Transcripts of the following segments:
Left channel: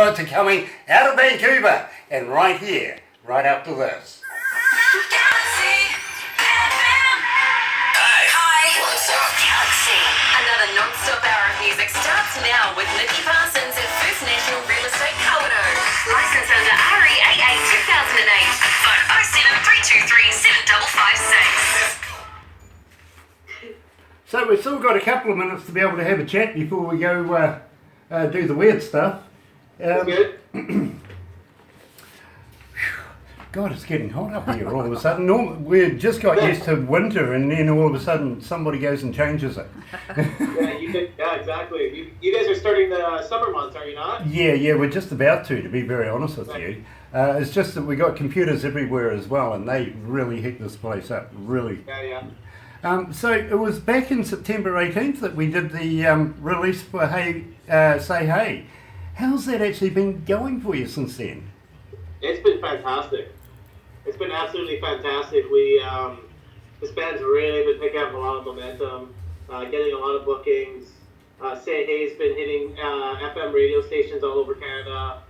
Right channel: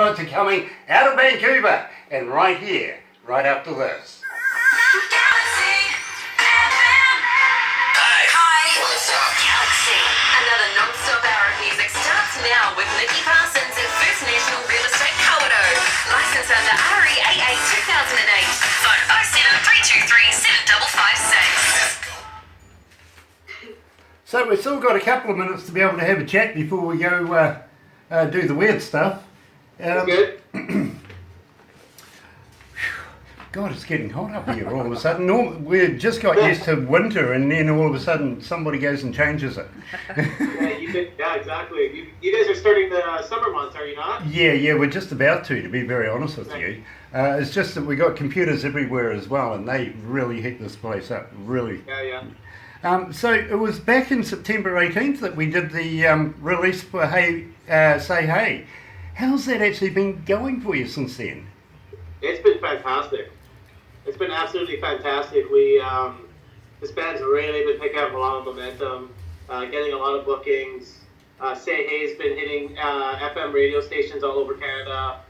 To coming out of Vancouver and right here, right after this. Galaxy. Another non-stop hour of music starts now with Nikki Parsons at First National Real Estate Kawerau. Licensed under REAA 2008. Phone 07323 7556. So we've still got a couple of minutes to be able to have a chat before we go do the weird stuff. Good. God, it's getting hot up here all of a sudden. We just got used to winter, and then all of a sudden somebody goes and changes it. Yeah, exactly. You guys are starting the summer months, are you not? Yeah, we're just about to be very honest with you. It's just that we got computers everywhere as well, and they really heat this place up, really. Yeah. So it was back in September 18th that we did the release for Hey, Say Hey. How's that actually been going for you since then? It's been fantastic. It's been absolutely fantastic. We this band's really been picking up a lot of momentum, getting a lot of bookings. Say Hey's been hitting FM radio stations all over Canada,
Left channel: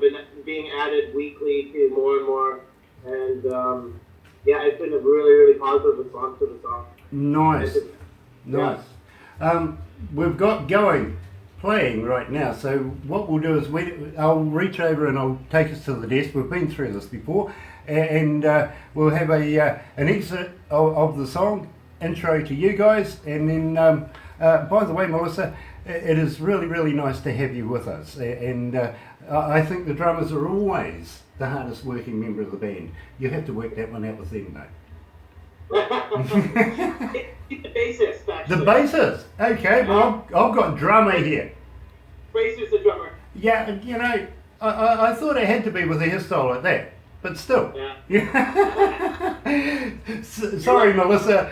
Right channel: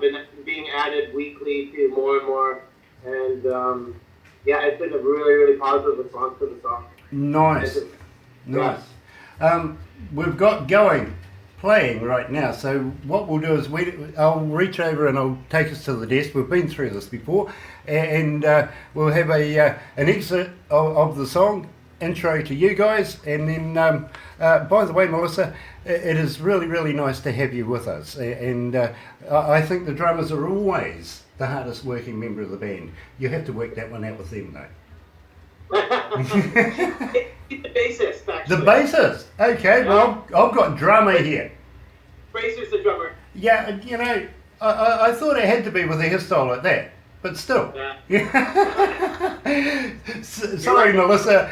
been being added weekly to more and more, and it's been a really positive response to the song. Nice. We've got playing right now, so what we'll do is I'll reach over and I'll take us to the desk. We've been through this before, and we'll have an exit of the song, intro to you guys, and then by the way, Melissa, it is really nice to have you with us, and I think the drummers are always the hardest working member of the band. You have to work that one out with them, though. The bassist, actually. The bassist. Okay, well, I've got drummer here. Fraser's the drummer. Yeah, you know, I thought it had to be with a hairstyle like that, but still. Yeah. Sorry, Melissa.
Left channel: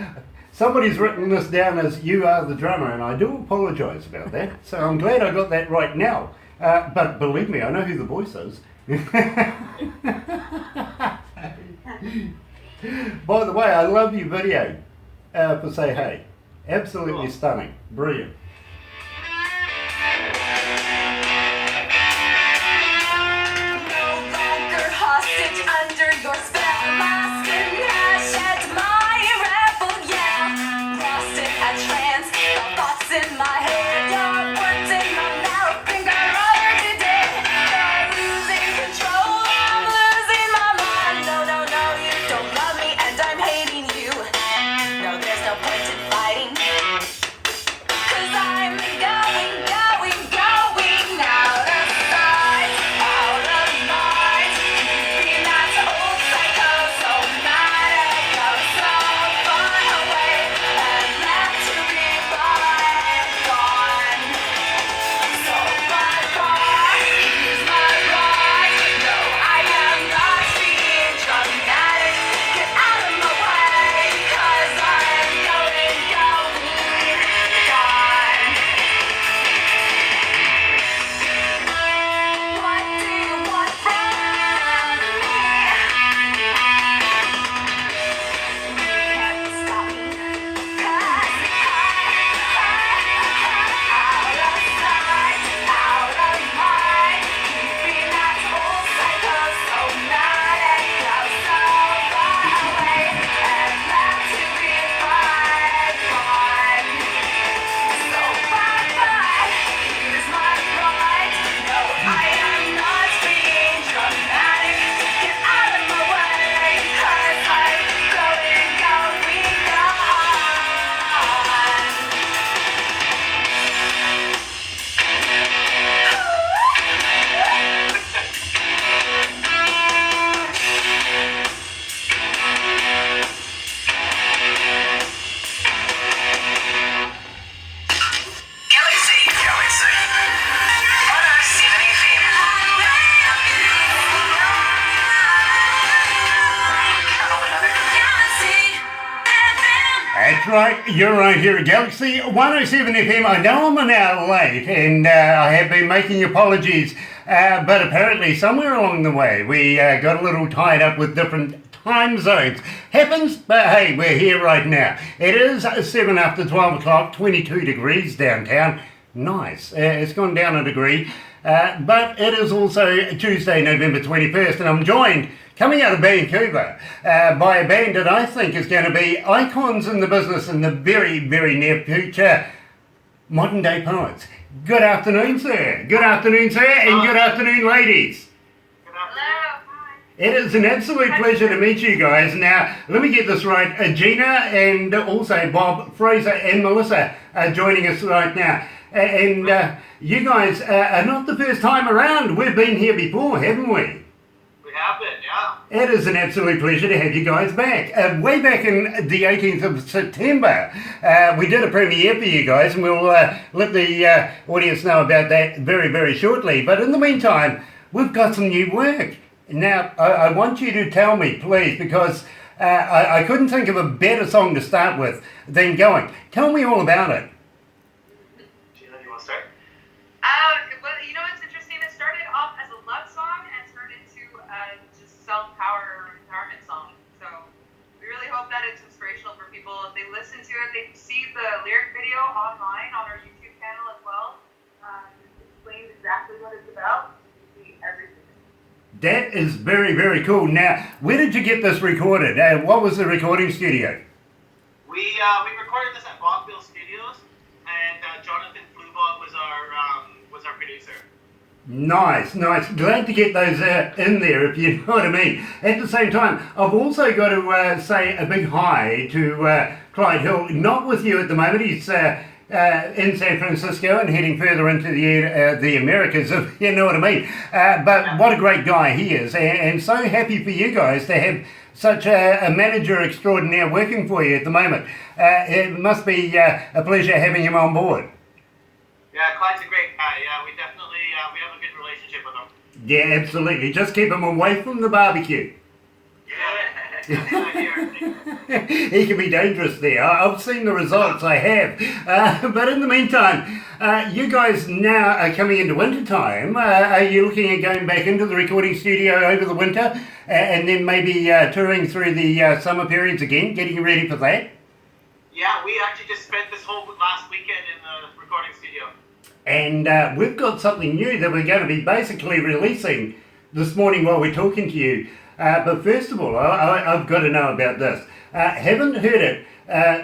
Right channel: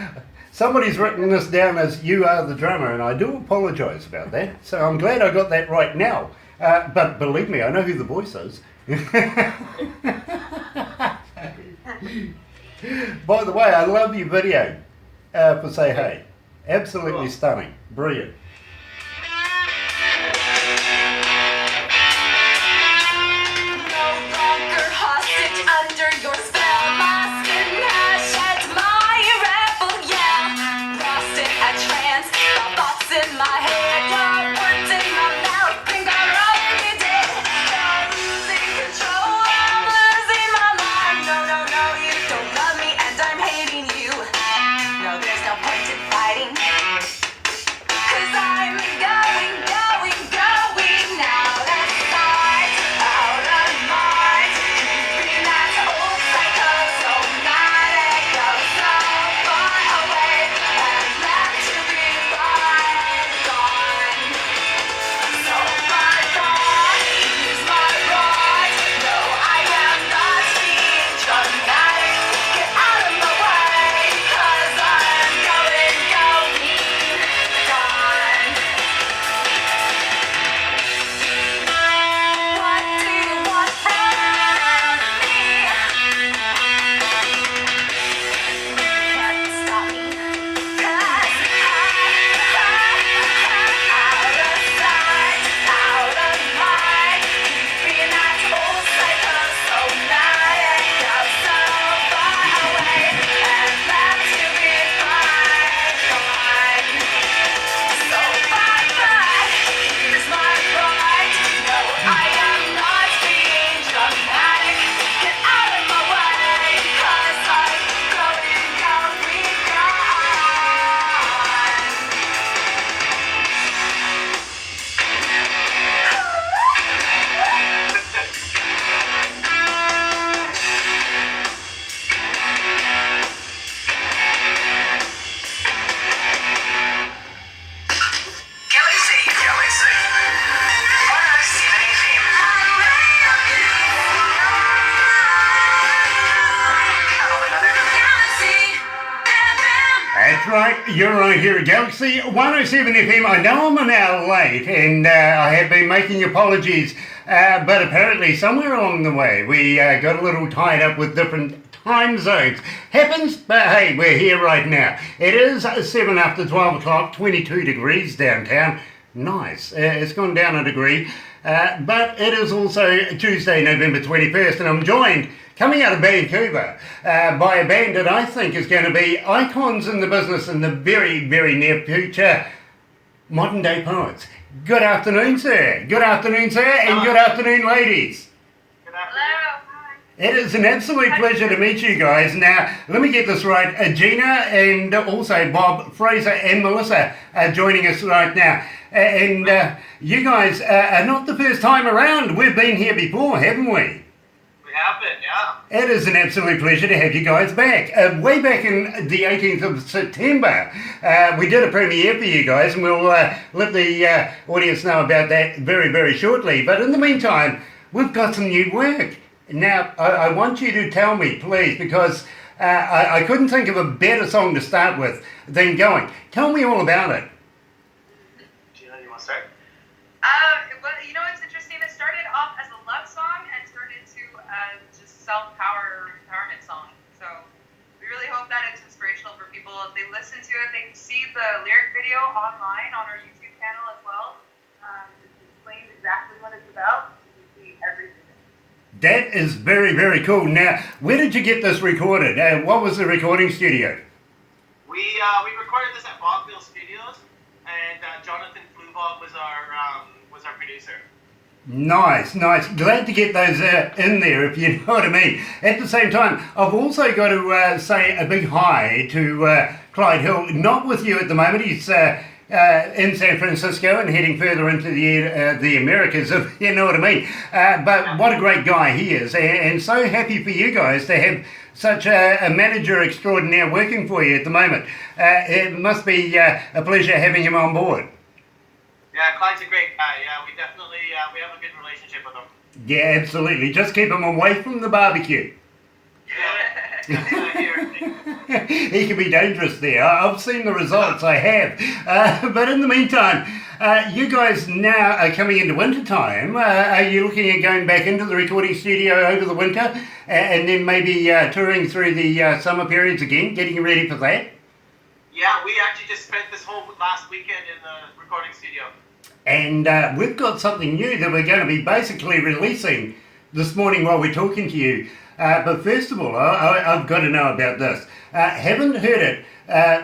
Somebody's written this down as you are the drummer, and I do apologise about that. So I'm glad I got that right now. But believe me, I know who the voice is. By the way, I love your video for Say Hey. Absolutely stunning. Brilliant. No longer hostage under your spell. My skin has shed my rebel yell. Lost in a trance, the thoughts in my head. Your words in my mouth, think I'd rather be dead. You're losing control, I'm losing my mind. No, you don't love me and I'm hating you. No, there's no point in fighting. 'Cause I'm going out of sight, out of mind. Creeping that old psychosomatic, you're so far away and left to be gone. So bye-bye, here's my right. No, I am not being dramatic. Get out of my way, 'cause I'm going gone. What do you want from me? Can't stop me, 'cause out of sight, out of mind. Being that old psychosomatic, you're so far away and left to be gone. So bye-bye, here's my right. No, I am not being dramatic. Get out of my way, 'cause I'm going gone. Galaxy. That's right, you're right here at Galaxy 107 FM. I know I'm an hour late, and I have been making apologies, but apparently somewhere along the way we got a little tied up with different time zones. Happens, but hey, we're here right now. It is 7 after 12 o'clock, 22 degrees downtown. Nice. It's gone down a degree. But it is also Tuesday, November 21st, and I'm joined, coming out of Vancouver, by a band that I think is going to be icons in the business in the very, very near future, Modern Day Poets. Good afternoon, sir. Good afternoon, sir, and good afternoon, ladies. It is an absolute pleasure to meet you guys. Now, let me get this right. Gina and also Bob, Fraser and Melissa are joining us right now. And you guys are not the first time around. We've been here before, haven't we? We have been, yeah. It is an absolute pleasure to have you guys back. Way back in the 18th of September, we did a premiere for you guys, and we'll let the audience know about that very, very shortly. But in the meantime, we've got some new work. Now, I want you to tell me, please, because I couldn't think of a better song to start with than Going. Tell me all about it. Gina, you want to start? Well, you know, it's interesting. It started off as a love song and turned into just self-empowerment song. So we really hope that it's inspirational for people. If they listen to it, they can see the lyric video online on our YouTube channel as well. It explains exactly what it's about. You can see everything. That is very, very cool. Now, where did you get this recorded? What was the recording studio? We recorded this at Bogville Studios, and Jonathan Flubog was our producer. Nice, nice. Glad to get those in there, if you know what I mean. At the same time, I've also got to say a big hi to Clyde Hill. Not with you at the moment. He's in San Francisco and heading further into the Americas, if you know what I mean. But what a great guy he is, and so happy for you guys to have such a manager extraordinaire working for you at the moment. It must be a pleasure having him on board. Yeah, Clyde's a great guy. Yeah, we definitely we have a good relationship with him. Yeah, absolutely. Just keep him away from the barbecue. Yeah. He can be dangerous there. I've seen the results, I have. But in the meantime, you guys now are coming into winter time. Are you looking at going back into the recording studio over the winter and then maybe touring through the summer periods again, getting ready for that? Yeah, we actually just spent this whole last weekend in the recording studio. And we've got something new that we're going to be basically releasing this morning while we're talking to you. But first of all, I've got to know about this. Haven't heard it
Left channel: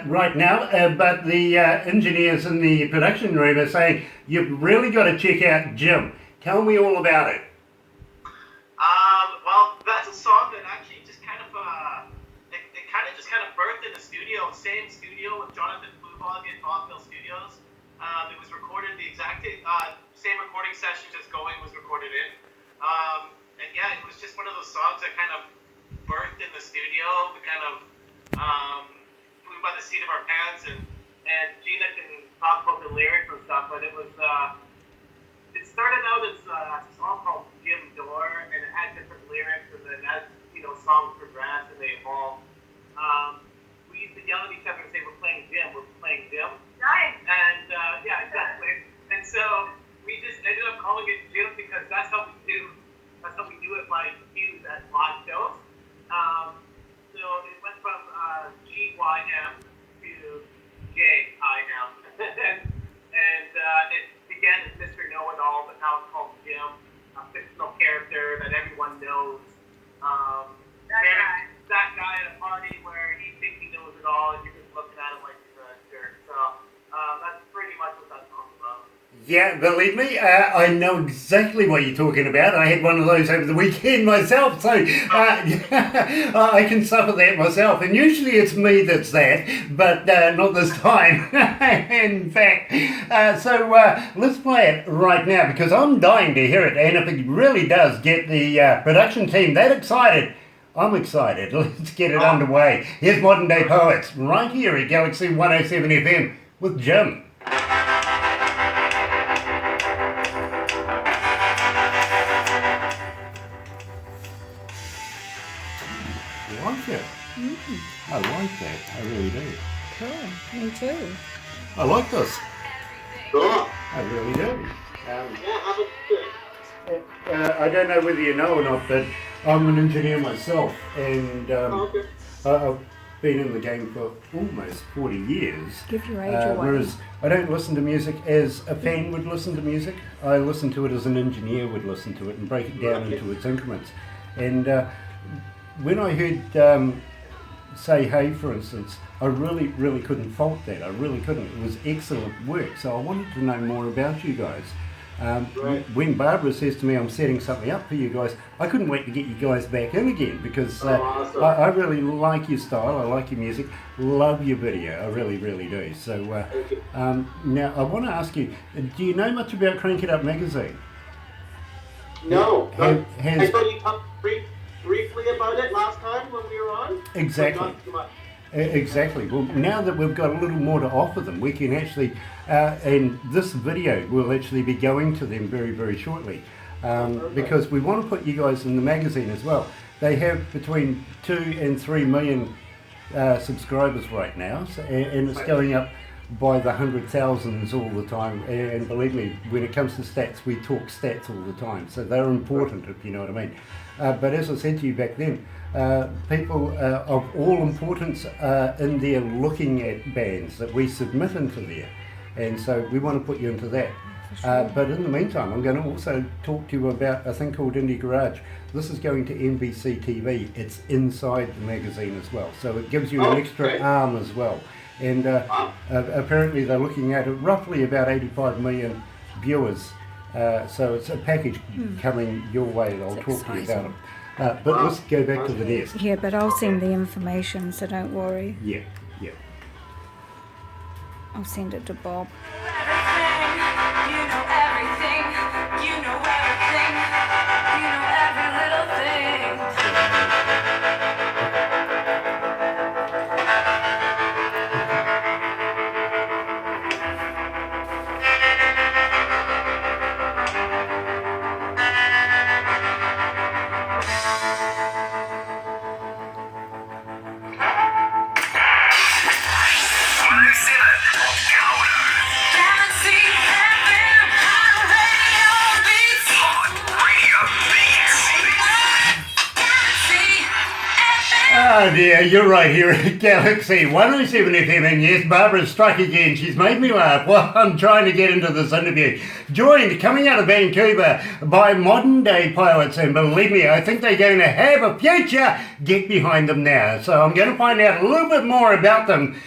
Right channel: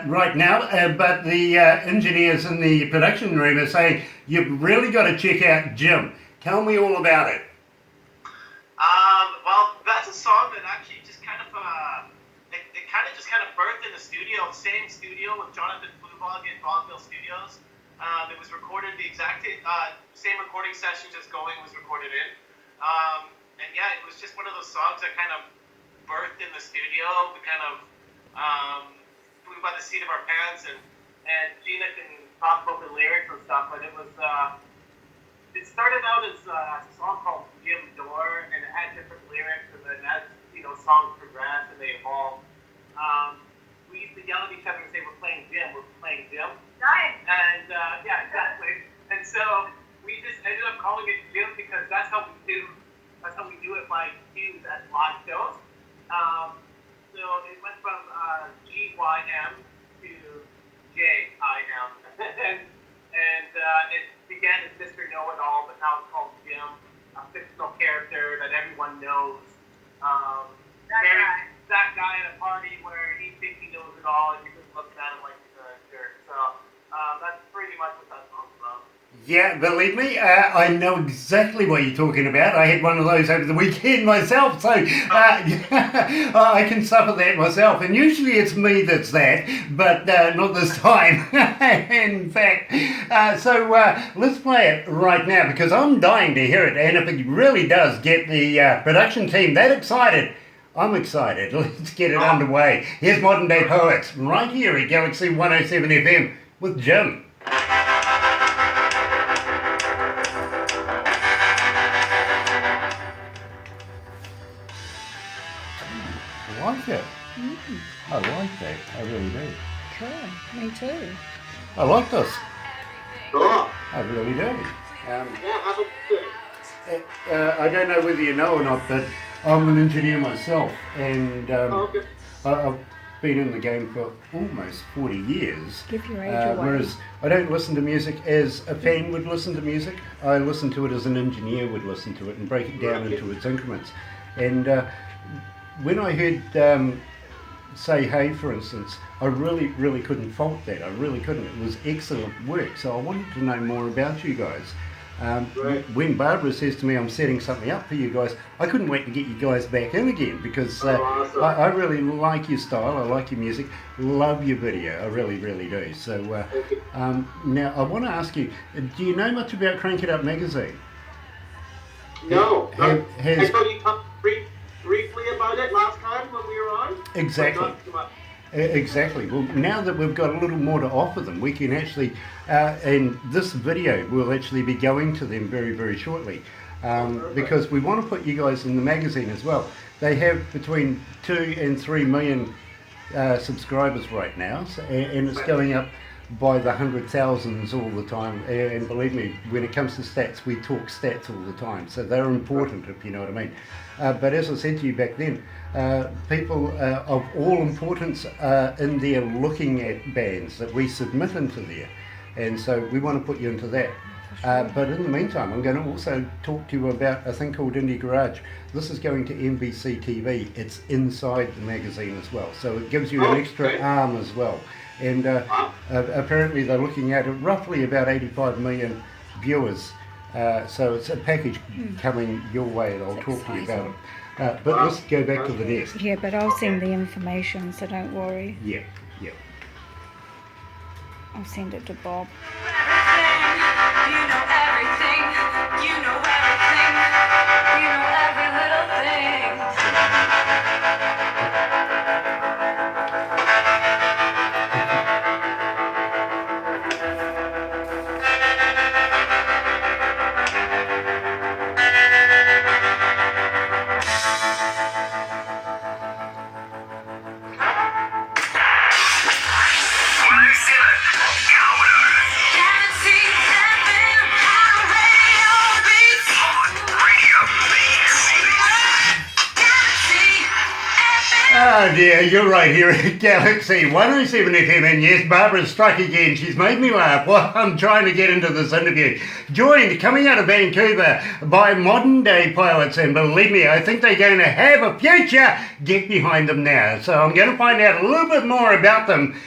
right now, but the engineers in the production room are saying you've really got to check out Jim. Tell me all about it. Well, that's a song that actually just kind of birthed in the studio, same studio with Jonathan Flubog at Bogville Studios. It was recorded the exact same recording session just Going was recorded in. And yeah, it was just one of those songs that kind of birthed in the studio. We kind of flew by the seat of our pants, and Gina can talk about the lyrics and stuff, but it was it started out as a song called Jim Door, and it had different lyrics, and then as songs progressed and they evolved, we used to yell at each other and say, we're playing Jim. Nice. And yeah, exactly. And so we just ended up calling it Jim because that's how we do. That's how we do it by cues at live shows. So it went from GYM to JIM. and it began as Mr. Know-It-All, but now it's called Jim, a fictional character that everyone knows. That guy at a party where he thinks he knows it all, and you're just looking at him like he's a jerk. So that's pretty much what that song's about. Yeah, believe me, I know exactly what you're talking about. I had one of those over the weekend myself, so I can suffer that myself. And usually it's me that's that, but not this time, in fact. So let's play it right now, because I'm dying to hear it. And if it really does get the production team that excited, I'm excited. Let's get it underway. Here's Modern Day Poets, right here at Galaxy 107 FM with Jim. I like that. I really do. Cool. Me too. I like this. Cool. I really do. Yeah, have a good. I don't know whether you know or not, but I'm an engineer myself, and Okay. I've been in the game for almost 40 years. Give your age away. Whereas I don't listen to music as a fan would listen to music. I listen to it as an engineer would listen to it and break it down into its increments. And when I heard Say Hey, for instance, I really couldn't fault that. I really couldn't. It was excellent work. So I wanted to know more about you guys. When Barbara says to me I'm setting something up for you guys, I couldn't wait to get you guys back in again because Awesome. I really like your style, I like your music, love your video, I really do. So now I want to ask you, do you know much about Crank It Up magazine? No. Has- I thought you talked briefly about it last time when we were on. Exactly. But not too much. Exactly. Well, now that we've got a little more to offer them, we can actually, and this video will actually be going to them very shortly, because we want to put you guys in the magazine as well. They have between 2 and 3 million subscribers right now, so, and it's going up by the 100,000s all the time. And believe me, when it comes to stats, we talk stats all the time, so they're important, if you know what I mean. But as I said to you back then, people of all importance are in there looking at bands that we submit into there, and so we want to put you into that. But in the meantime, I'm going to also talk to you about a thing called Indie Garage. This is going to NBC TV. It's inside the magazine as well, so it gives you an extra arm as well. And apparently they're looking at roughly about 85 million viewers. So it's a package coming your way. I'll talk to you about it. But let's go back to the desk. Yeah, but I'll send the information, so don't worry. Yeah. I'll send it to Bob. You know everything. You know everything. You know every little thing. Galaxy FM, radio beats. Galaxy FM. Oh dear, you're right here at Galaxy 107 FM, and yes, Barbara's struck again. She's made me laugh while I'm trying to get into this interview. Joined, coming out of Vancouver, by modern day poets, and believe me, I think they're going to have a future. Get behind them now. So I'm going to find out a little bit more about them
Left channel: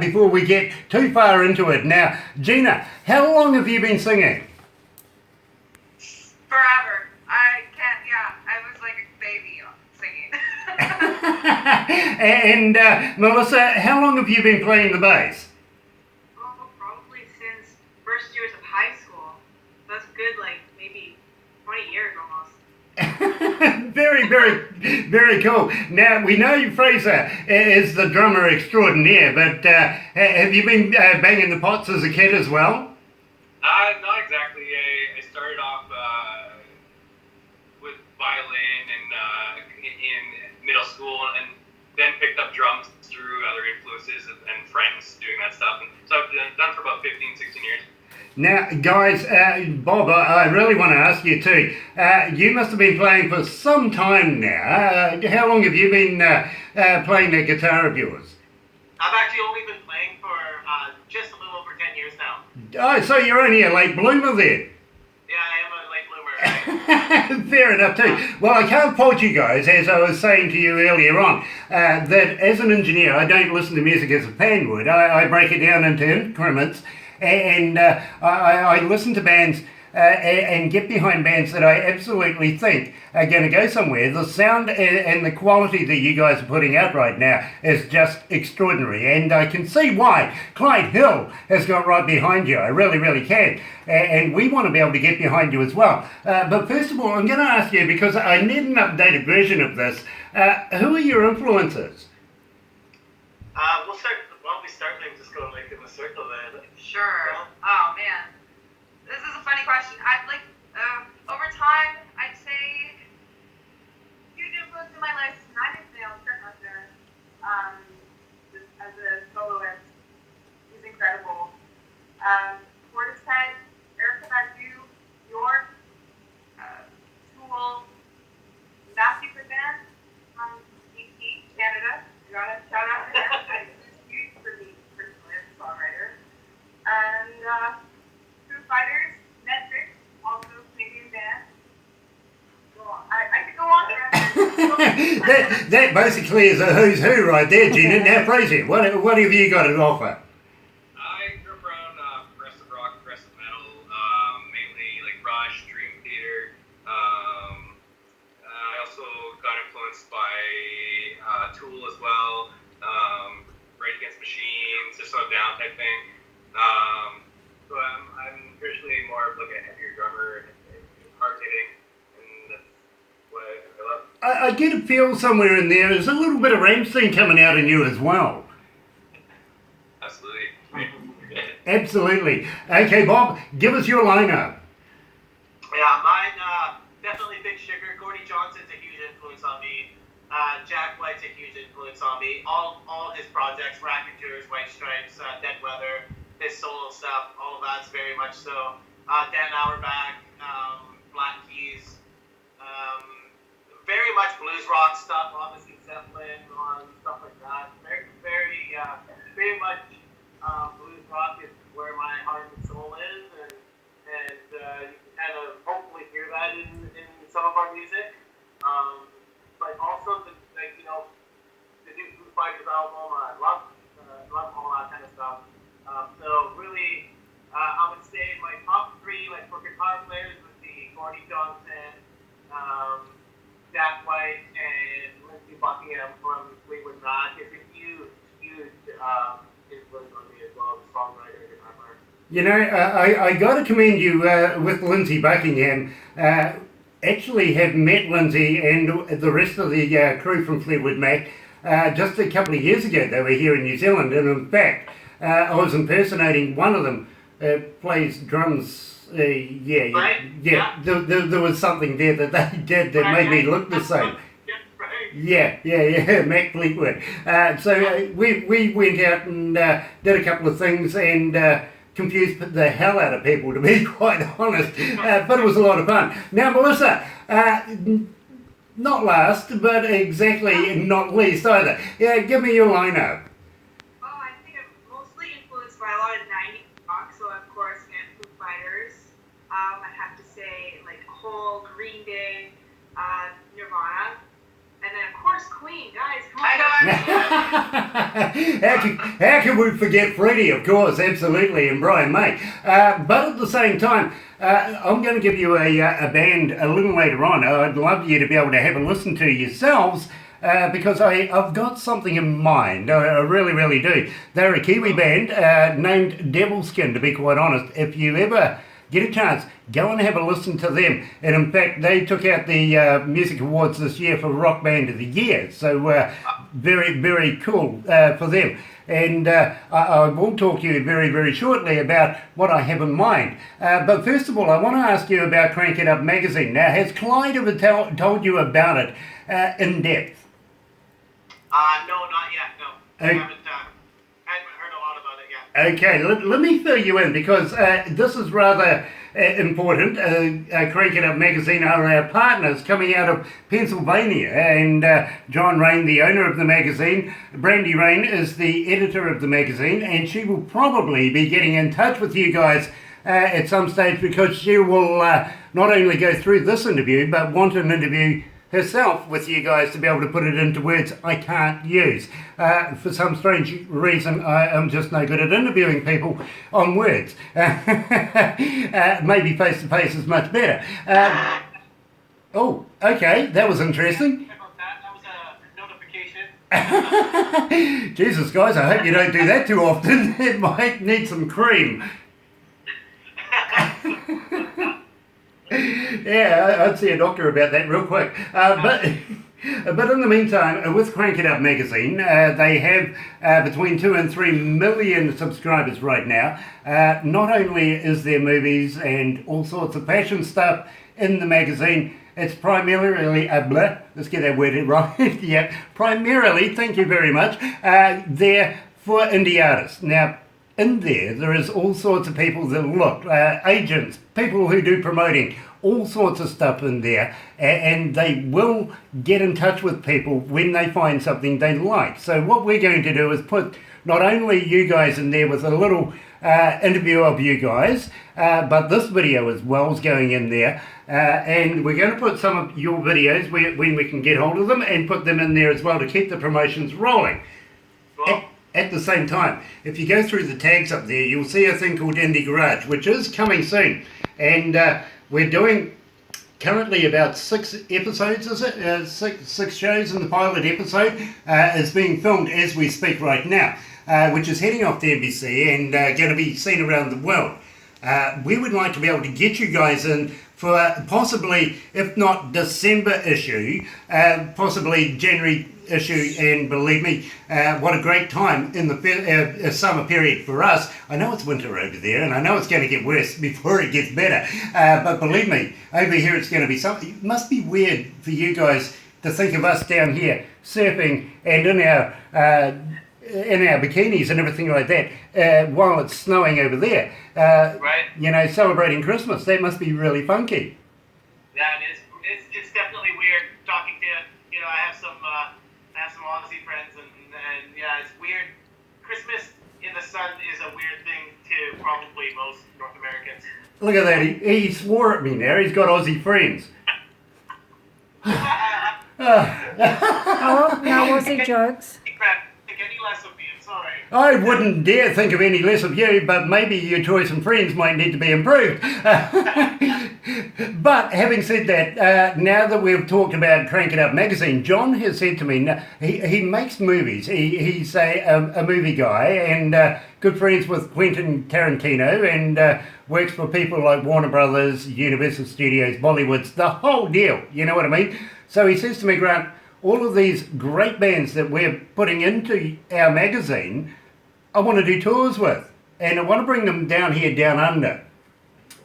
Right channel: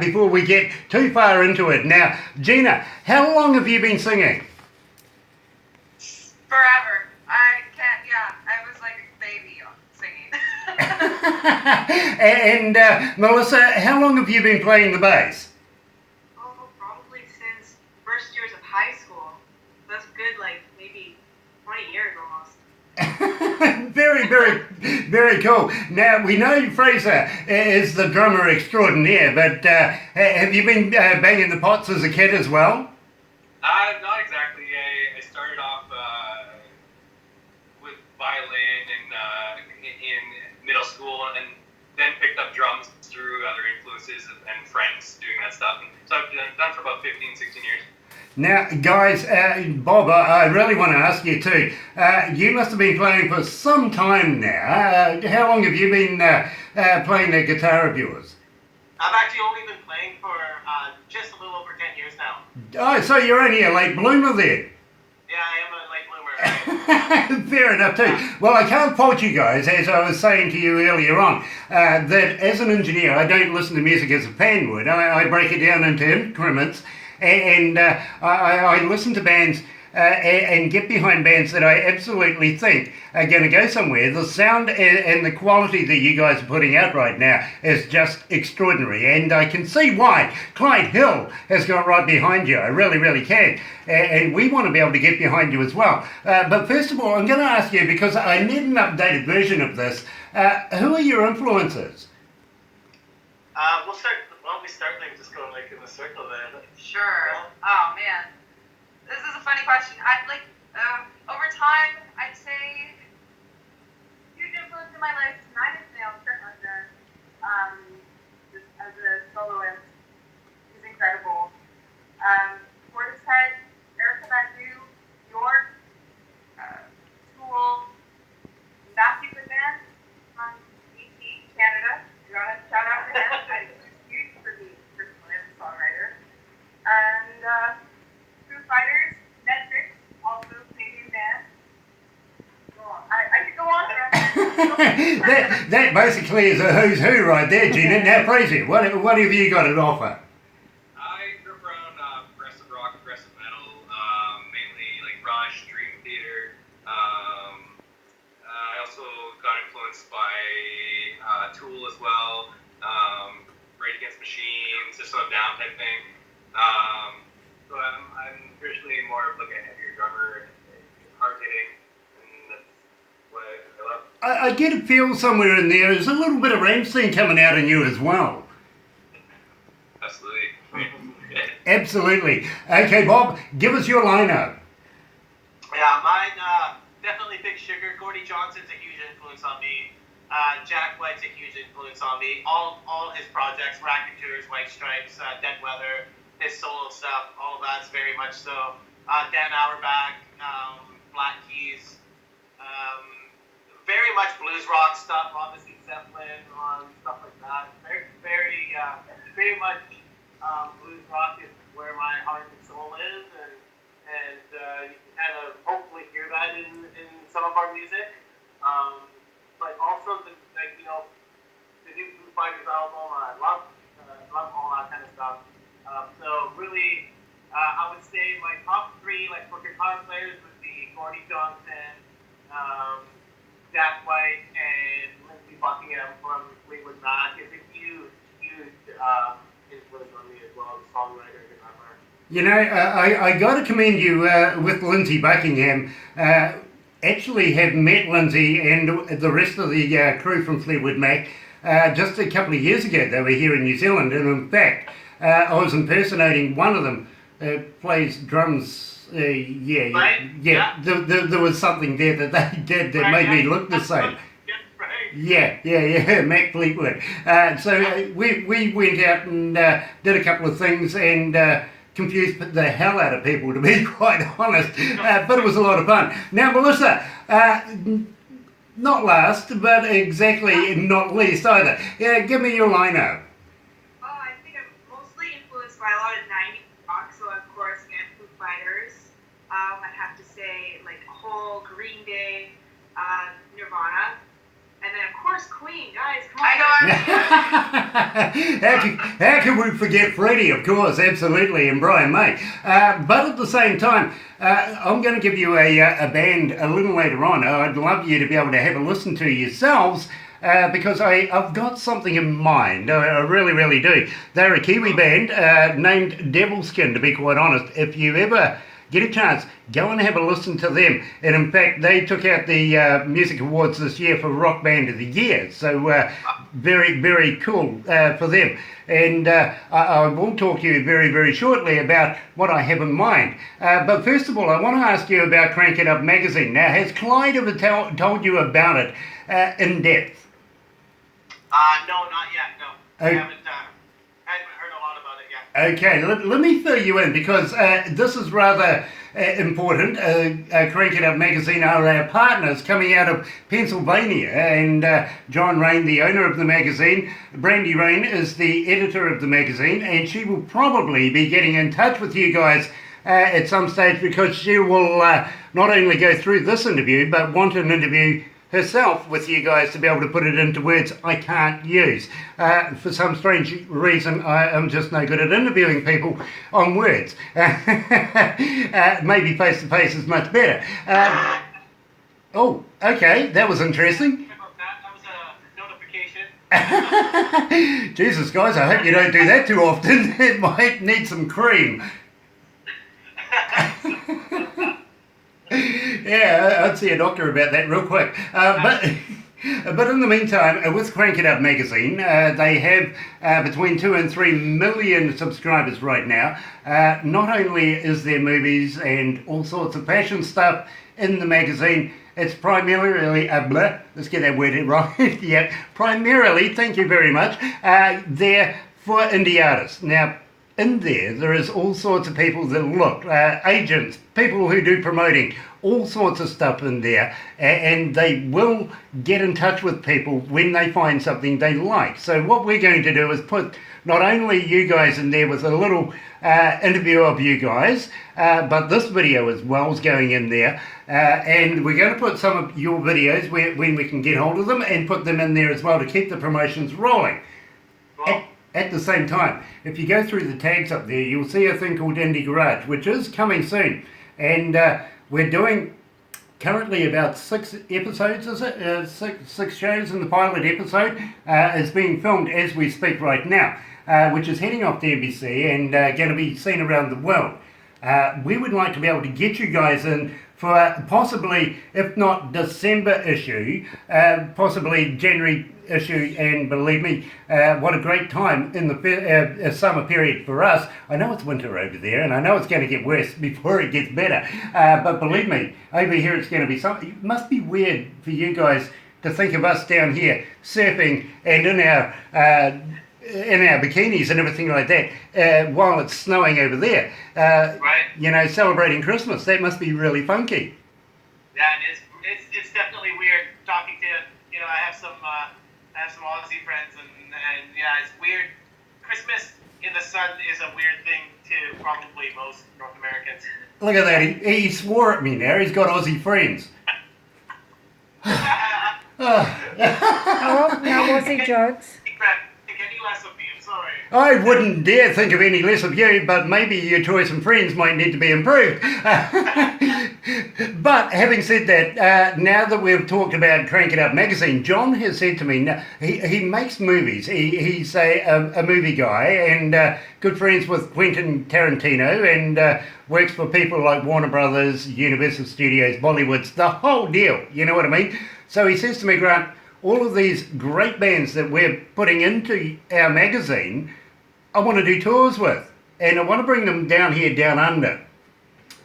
before we get too far into it. Now, Gina, how long have you been singing? Forever. I can't, yeah. I was like a baby singing. And Melissa, how long have you been playing the bass? Oh, probably since first years of high school. That's good, like maybe 20 years almost. Very cool. Now, we know Fraser is the drummer extraordinaire, but have you been banging the pots as a kid as well? Not exactly. I started off with violin in middle school, and then picked up drums through other influences and friends doing that stuff. And so I've done for about 15, 16 years. Now, guys, Bob, I really want to ask you too. You must have been playing for some time now. How long have you been playing the guitar of yours? I've actually only been playing for just a little over 10 years now. Oh, so you're only a late bloomer then. Yeah, I am a late bloomer. Fair enough too. Well, I can't fault you guys, as I was saying to you earlier on, that as an engineer, I don't listen to music as a fan would. I break it down into increments, and I listen to bands and get behind bands that I absolutely think are going to go somewhere. The sound and the quality that you guys are putting out right now is just extraordinary, and I can see why Clyde Hill has got right behind you. I really can, and we want to be able to get behind you as well. But first of all, I'm going to ask you, because I need an updated version of this, who are your influences? We start like just going like in a circle there. Sure. Oh man, this is a funny question. I'd like over time, I'd say huge influence in my life. Nine Inch Nails, Kurt Loder, as a soloist, he's incredible. POETS, Erica Badu, York, School, Nasty Band from DC, Canada. You want to shout out to him? that basically is a who's who right there, Gina. Now, Fraser, what have you got to offer? I grew up around progressive rock, progressive metal, mainly like Rush, Dream Theater. I also got influenced by Tool as well, Rage Against Machine, System of a Down type thing. So I'm originally more of like a heavier drummer, and hard hitting, and that's what I love. I get a feel somewhere in there. There's a little bit of Rammstein coming out in you as well. Absolutely. Absolutely. Okay, Bob, give us your lineup. Yeah, mine, definitely Big Sugar. Gordy Johnson's a huge influence on me. Jack White's a huge influence on me. All his projects, Racketeers, White Stripes, Dead Weather, his solo stuff, all of that's very much so. Dan Auerbach, Black Keys, very much blues rock stuff, obviously Zeppelin, stuff like that. Very much blues rock is where my heart and soul is, and you can kind of hopefully hear that in some of our music. But also the new Foo Fighters album, I love all that kind of stuff. So really, I would say my top three for guitar players would be Gordy Johnson, Jack White, and Lindsey Buckingham from Fleetwood Mac. It's a huge influence on me as well, the songwriter and guitar player. You know, I got to commend you with Lindsey Buckingham. Actually have met Lindsay and the rest of the crew from Fleetwood Mac just a couple of years ago. They were here in New Zealand, and in fact, I was impersonating one of them. Plays drums. Yeah. There was something there that they did that made me look the same. Yeah, Mac Fleetwood. So we went out and did a couple of things and confused the hell out of people, to be quite honest. But it was a lot of fun. Now, Melissa, not last, but exactly not least either. Yeah, give me your lineup. Oh, I think I'm mostly influenced by a lot of 90s rock, so of course, Foo Fighters. I'd have to say, Hole, Green Day, Nirvana, and then of course Queen, guys. Come on. How can we forget Freddie, of course, absolutely, and Brian May. But at the same time, I'm going to give you a band a little later on. I'd love you to be able to have a listen to yourselves, because I've got something in mind. I really, really do. They're a Kiwi band named Devilskin, to be quite honest. If you ever get a chance, go and have a listen to them. And in fact, they took out the Music Awards this year for Rock Band of the Year. So very, very cool for them. And I will talk to you very, very shortly about what I have in mind. But first of all, I want to ask you about Crank It Up magazine. Now, has Clyde ever told you about it in depth? No, not yet, no. I haven't heard a lot about it yet. Okay, let me fill you in, because this is rather important. Crank It Up magazine are our partners coming out of Pennsylvania, and John Rain, the owner of the magazine, Brandy Rain is the editor of the magazine, and she will probably be getting in touch with you guys at some stage, because she will not only go through this interview, but want an interview herself with you guys to be able to put it into words I can't use. For some strange reason, I am just no good at interviewing people on words. Maybe face-to-face is much better. Oh, okay, that was interesting. That was a notification. Jesus, guys, I hope you don't do that too often. It might need some cream. Yeah, I'd see a doctor about that real quick. But in the meantime, with Crank It Up magazine, they have between 2 and 3 million subscribers right now. Not only is there movies and all sorts of fashion stuff in the magazine, it's primarily, let's get that word right, yeah, primarily, thank you very much, there for indie artists. Now, in there is all sorts of people that look, agents, people who do promoting, all sorts of stuff in there, and they will get in touch with people when they find something they like. So what we're going to do is put not only you guys in there with a little interview of you guys, but this video as well is going in there. And we're going to put some of your videos when we can get hold of them and put them in there as well to keep the promotions rolling. Cool. At the same time, if you go through the tags up there, you'll see a thing called Indie Garage, which is coming soon. And we're doing currently about 6 episodes, is it? Six shows, and the pilot episode is being filmed as we speak right now, which is heading off to NBC and going to be seen around the world. We would like to be able to get you guys in for possibly, if not December issue, possibly January issue, and believe me, what a great time in the summer period for us. I know it's winter over there, and I know it's going to get worse before it gets better, but believe me, over here it's going to be something. It must be weird for you guys to think of us down here surfing and in our bikinis and everything like that while it's snowing over there. Right. You know, celebrating Christmas. That must be really funky. Yeah, it is. It's definitely weird talking to, I have some Aussie friends, and yeah, it's weird. Christmas in the sun is a weird thing to probably most North Americans. Look at that. He swore at me now. He's got Aussie friends. Oh, no Aussie jokes. Think any less of me, I'm sorry. I wouldn't dare think of any less of you, but maybe your choice and friends might need to be improved. But having said that, now that we've talked about Crank It Up magazine, John has said to me, he makes movies. He's a movie guy and good friends with Quentin Tarantino, and works for people like Warner Brothers, Universal Studios, Bollywoods, the whole deal. You know what I mean? So he says to me, Grant, all of these great bands that we're putting into our magazine, I want to do tours with, and I want to bring them down here, down under.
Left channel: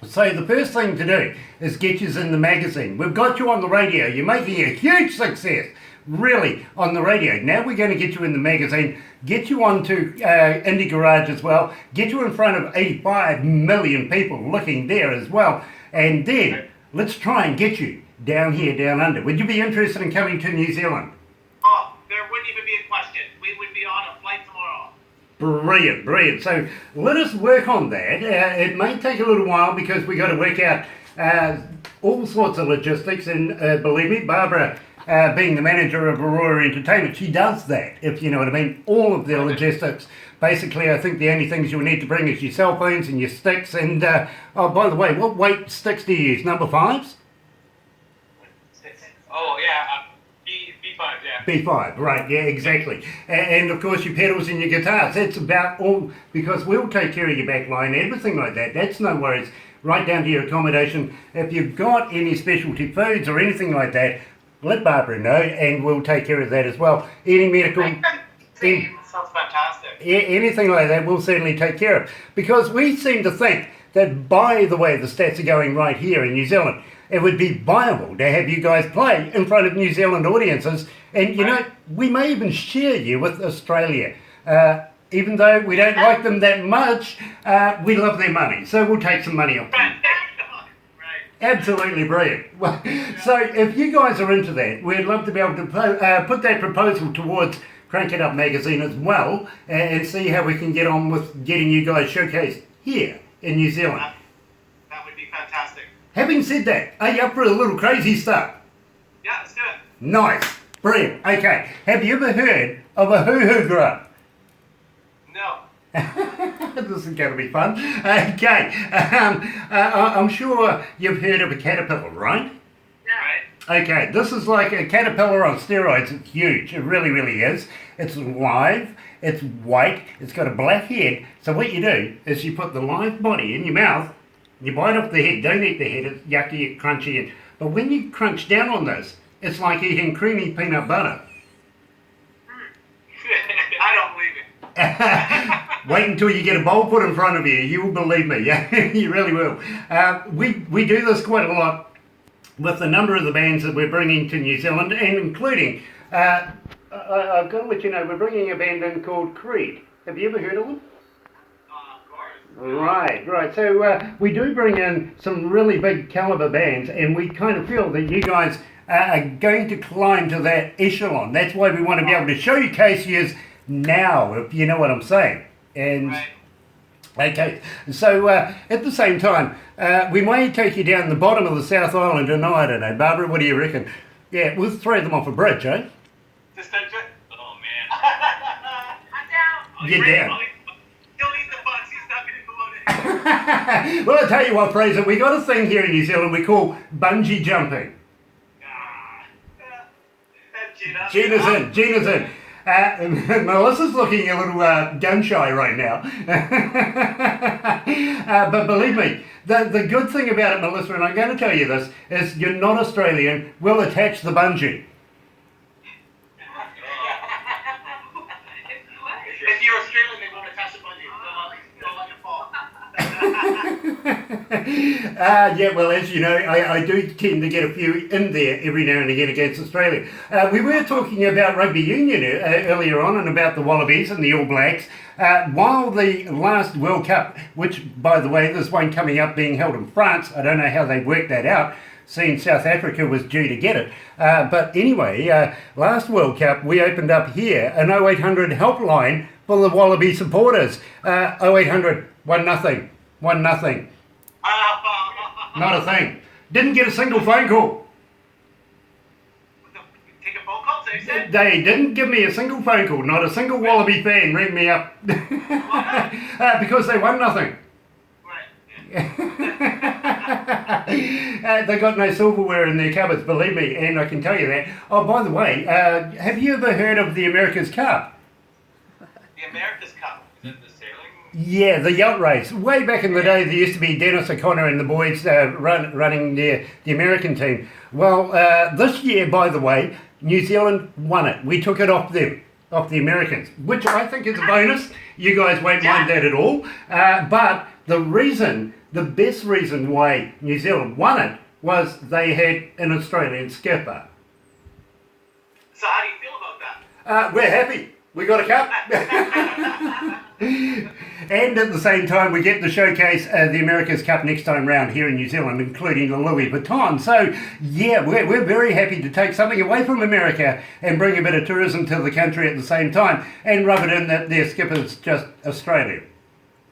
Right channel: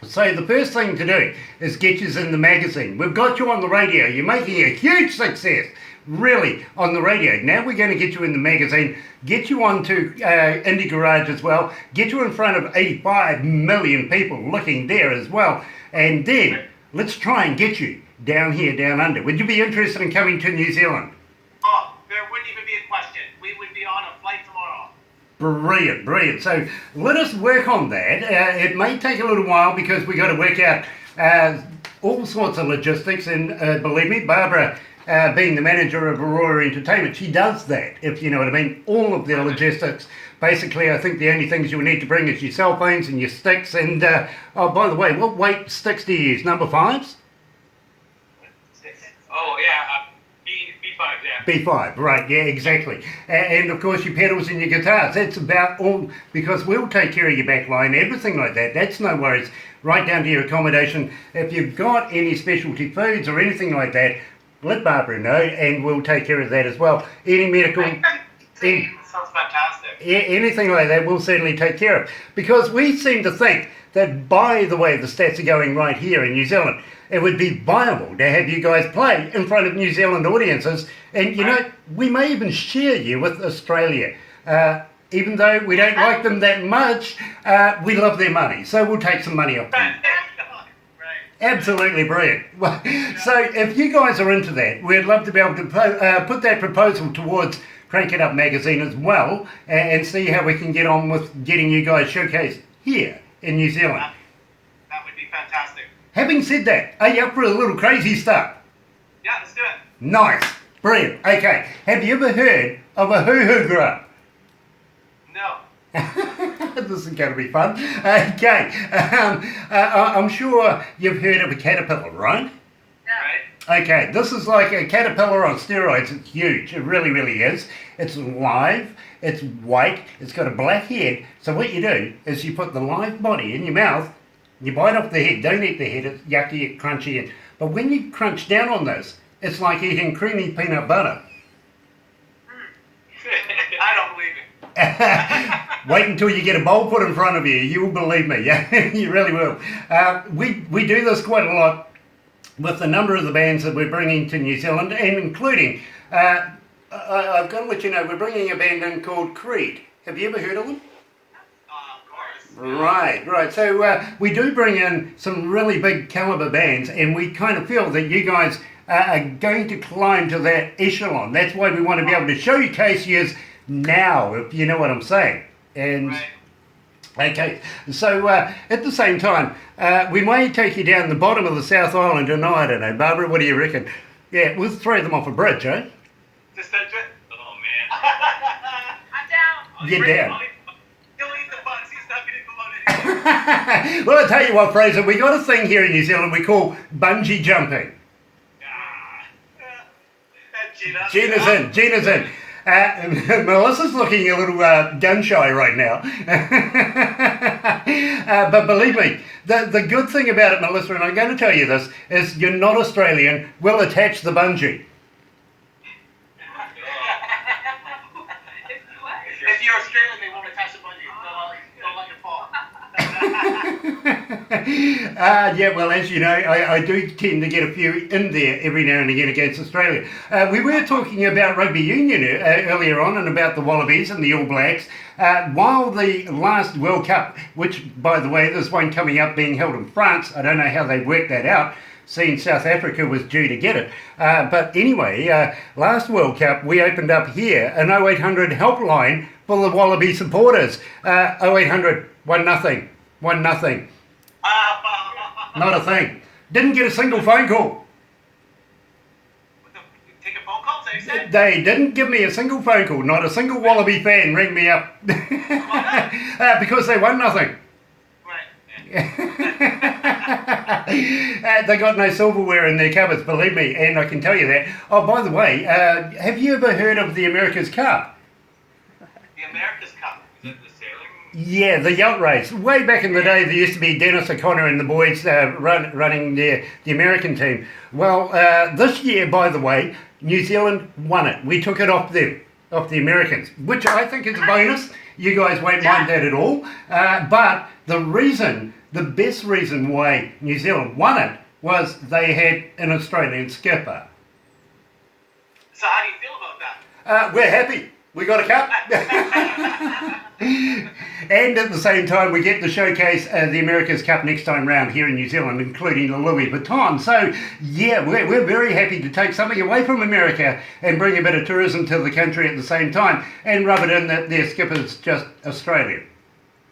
So the first thing to do is get you in the magazine. We've got you on the radio. You're making a huge success, really, on the radio. Now we're going to get you in the magazine, get you onto Indie Garage as well, get you in front of 85 million people looking there as well, and then let's try and get you down here, down under. Would you be interested in coming to New Zealand? Oh, there wouldn't even be a question. We would be on a flight tomorrow. Brilliant, brilliant. So let us work on that. It may take a little while because we got to work out all sorts of logistics, and believe me, Barbara, being the manager of Aurora Entertainment, she does that, if you know what I mean, all of the logistics. Basically, I think the only things you need to bring is your cell phones and your sticks, and oh, by the way, what weight sticks do you use? Number 5s? Oh, yeah, B5, yeah. B5, right, yeah, exactly. And of course your pedals and your guitars. That's about all, because we'll take care of your back line, everything like that. That's no worries, right down to your accommodation. If you've got any specialty foods or anything like that, let Barbara know and we'll take care of that as well. Any medical... Sounds fantastic. Anything like that we'll certainly take care of. Because we seem to think that by the way the stats are going right here in New Zealand, it would be viable to have you guys play in front of New Zealand audiences. And, you know, we may even share you with Australia. Even though we don't like them that much, we love their money. So we'll take some money off them. Absolutely brilliant. So if you guys are into that, we'd love to be able to put that proposal towards Crank It Up magazine as well, and see how we can get on with getting you guys showcased here in New Zealand. That would be fantastic. Having said that, are you up for a little crazy stuff? Yeah, let's do it. Nice. Brilliant. Okay. Have you ever heard of a hoo-hoo grub? No. This is going to be fun. Okay. I'm sure you've heard of a caterpillar, right? Right? Okay. This is like a caterpillar on steroids. It's huge. It really, really is. It's live. It's white. It's got a black head. So what you do is you put the live body in your mouth. You bite off the head. Don't eat the head. It's yucky, crunchy. But when you crunch down on this, it's like eating creamy peanut butter. I don't believe it. Wait until you get a bowl put in front of you. You will believe me. Yeah, you really will. We do this quite a lot with the number of the bands that we're bringing to New Zealand, and including, I've got to let you know, we're bringing a band in called Creed. Have you ever heard of them? Of course. Right. So we do bring in some really big caliber bands, and we kind of feel that you guys are going to climb to that echelon. That's why we want to be able to showcase you now, if you know what I'm saying. And Right. okay, so at the same time, we may take you down the bottom of the South Island tonight. I don't know, Barbara. What do you reckon? Yeah, we'll throw them off a bridge, eh? Just don't do it. Oh man. I'm down. You're down. Don't eat the bugs. He's not getting promoted. Well, I tell you what, Fraser, we got a thing here in New Zealand we call bungee jumping. Gina's in. Melissa's looking a little gun shy right now. But believe me, the good thing about it, Melissa, and I'm going to tell you this, is you're not Australian, we'll attach the bungee. If you're Australian, they won't attach a bungee. They'll let it fall. Yeah, well, as you know, I do tend to get a few in there every now and again against Australia. We were talking about rugby union earlier on and about the Wallabies and the All Blacks. While the last World Cup, which, by the way, there's one coming up being held in France, I don't know how they worked that out, seeing South Africa was due to get it. But anyway, last World Cup, we opened up here an 0800 helpline for the Wallaby supporters. 0800 1-0. 1-0. Not a thing. Didn't get a single phone call. Take a phone call, they said? They didn't give me a single phone call. Not a single Wallaby fan rang me up. Because they won nothing. Right. They got no silverware in their cupboards, believe me, and I can tell you that. Oh, by the way, have you ever heard of the America's Cup? The America's Cup. Is it the sailing? Yeah, the yacht race. Way back in the day, there used to be Dennis O'Connor and the boys running the American team. Well, this year, by the way, New Zealand won it. We took it off them, off the Americans, which I think is a bonus. You guys won't mind that at all. But the best reason why New Zealand won it was they had an Australian skipper. So how do you feel about that? We're happy. We got a cup. And at the same time, we get to showcase the America's Cup next time round here in New Zealand, including the Louis Vuitton. So, yeah, we're very happy to take something away from America and bring a bit of tourism to the country at the same time and rub it in that their skipper's just Australian.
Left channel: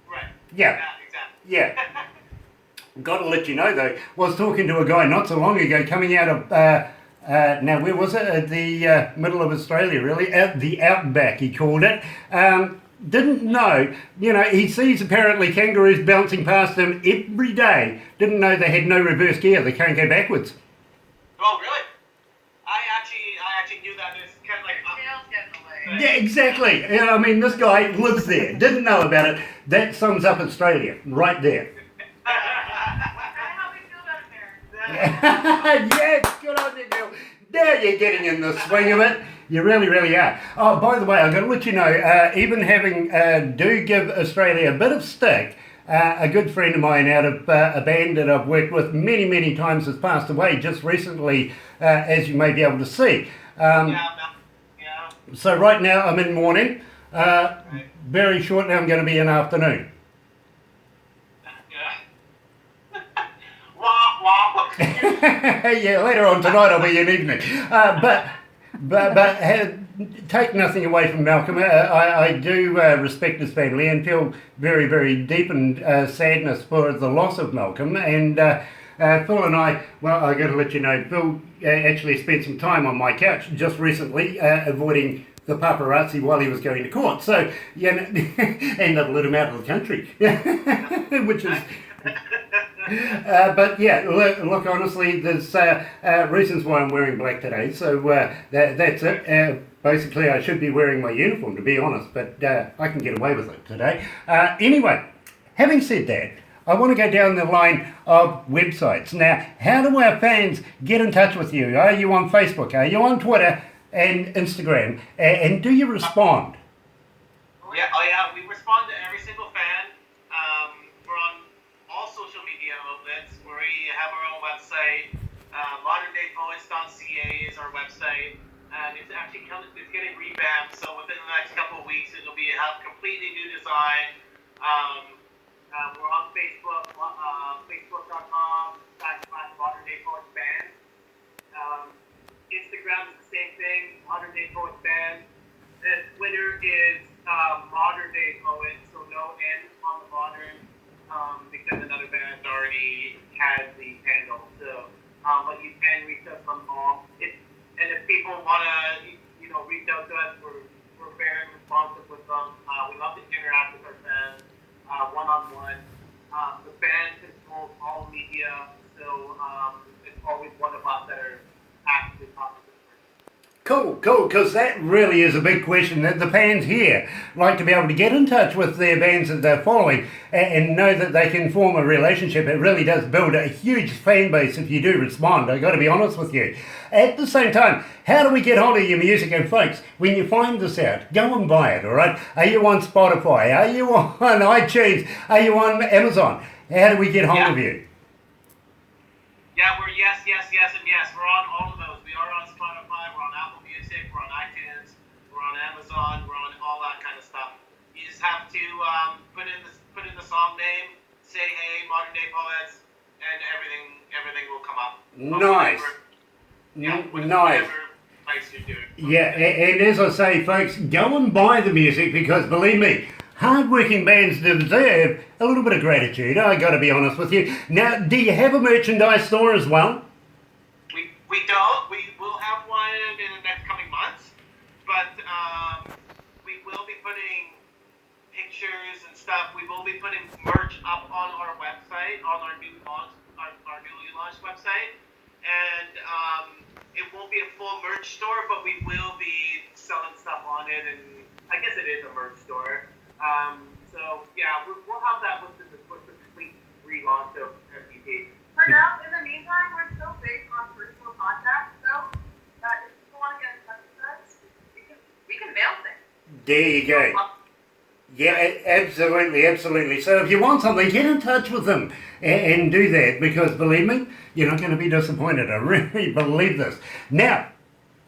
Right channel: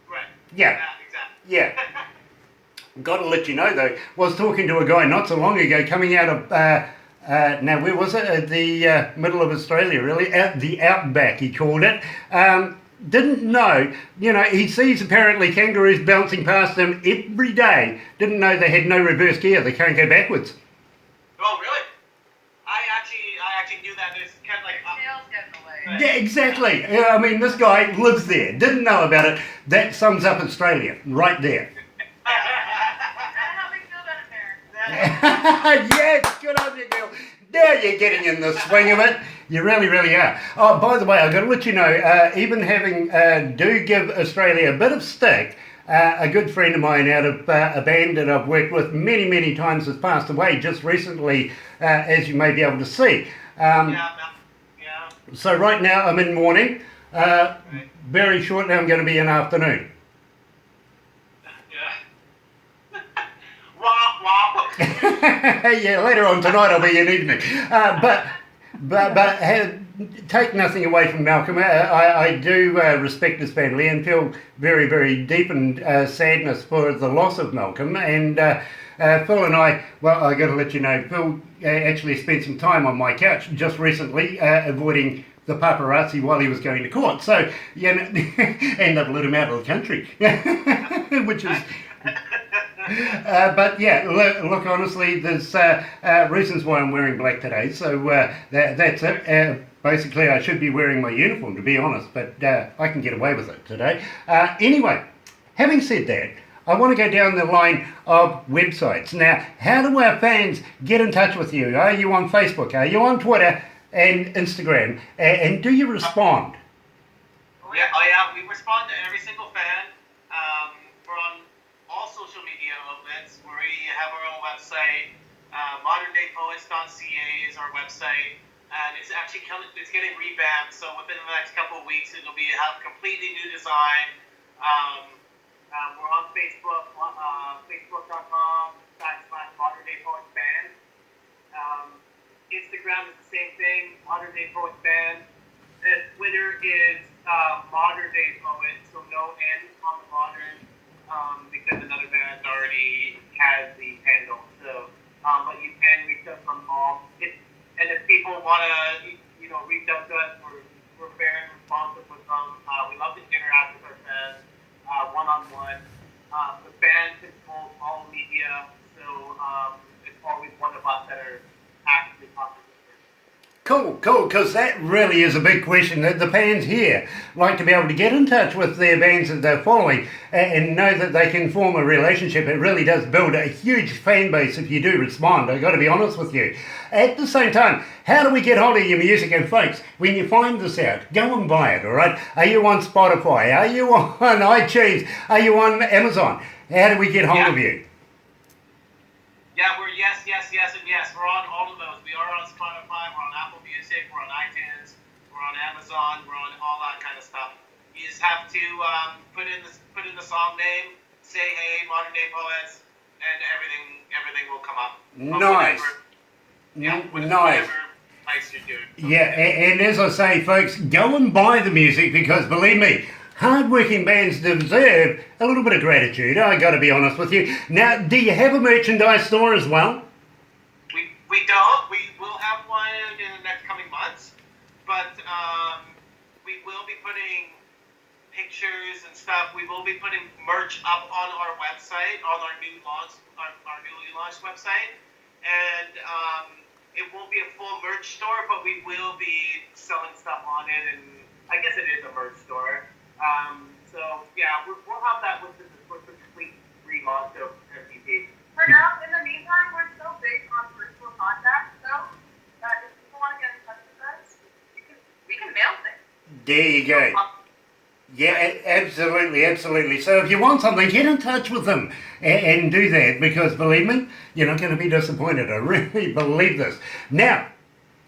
Right. Yeah. Exactly. Yeah. Got to let you know, though, was talking to a guy not so long ago coming out of... now, where was it? The middle of Australia, really. The outback, he called it. Didn't know, he sees apparently kangaroos bouncing past him every day. Didn't know they had no reverse gear. They can't go backwards. Oh, really? I actually knew that. It's kind of like... Tails get in the way. Yeah, exactly. I mean, this guy lives there. Didn't know about it. That sums up Australia right there. That's how we feel about America. Yes, good on you, girl. Now you're getting in the swing of it. You really, really are. Oh, by the way, I've got to let you know, even having do give Australia a bit of stick, a good friend of mine out of a band that I've worked with many, many times has passed away just recently, as you may be able to see. Yeah. So right now I'm in morning. Very short now I'm going to be in afternoon. Yeah. Wah, wah. Yeah, later on tonight I'll be in evening. But take nothing away from Malcolm. I do respect his family and feel very, very deep and sadness for the loss of Malcolm. And Phil and I, well, I got to let you know, Phil actually spent some time on my couch just recently, avoiding the paparazzi while he was going to court. So, and that let him out of the country, which is... but yeah, look, honestly, there's reasons why I'm wearing black today, so that's it. Basically, I should be wearing my uniform, to be honest, but I can get away with it today. Anyway, having said that, I want to go down the line of websites. Now, how do our fans get in touch with you? Are you on Facebook? Are you on Twitter and Instagram? And do you respond? Yeah, we respond to every single fan. We're on all social media outlets. We have our own website. ModernDayPoets.ca is our website, and it's actually getting revamped. So within the next couple of weeks, it'll have a completely new design. We're on Facebook, facebook.com/ModernDayPoetsBand. Instagram is the same thing, Modern Day Poets Band. Twitter is Modern Day Poets, so no N on the modern, because another band already has the handle. So, but you can reach us on all. If people want to, reach out to us, we're very responsive with them. We love to interact with our fans, one-on-one. The band controls all media, so it's always one of us that are actively talking to them. Cool, because that really is a big question that the fans here like to be able to get in touch with their bands that they're following and know that they can form a relationship. It really does build a huge fan base if you do respond, I've got to be honest with you. At the same time, how do we get hold of your music? And folks, when you find this out, go and buy it, all right? Are you on Spotify? Are you on iTunes? Are you on Amazon? How do we get hold of you? Yeah, we're yes, and yes. We're on all of those. We are on Spotify, we're on Apple Music, we're on iTunes, we're on Amazon, we're on all that kind of stuff. You just have to put in the song name, say hey, Modern Day Poets, and everything will come up. Nice. Nice. Nice to do it. Yeah, and as I say, folks, go and buy the music because believe me, hard-working bands deserve a little bit of gratitude. I got to be honest with you. Now, do you have a merchandise store as well? We don't. We will have one in the next coming months, but we will be putting pictures and stuff. We will be putting merch up on our website, on our newly launched website, and it won't be a full merch store, but we will be selling stuff on it, and I guess it is a merch store. So yeah, we'll have that with the complete relaunch of MVP. For now, in the meantime, we're still based on virtual contact, so if people want to get in touch with us, we can mail things. There you go. Yeah, absolutely. So if you want something, get in touch with them and do that because believe me, you're not going to be disappointed. I really believe this. Now,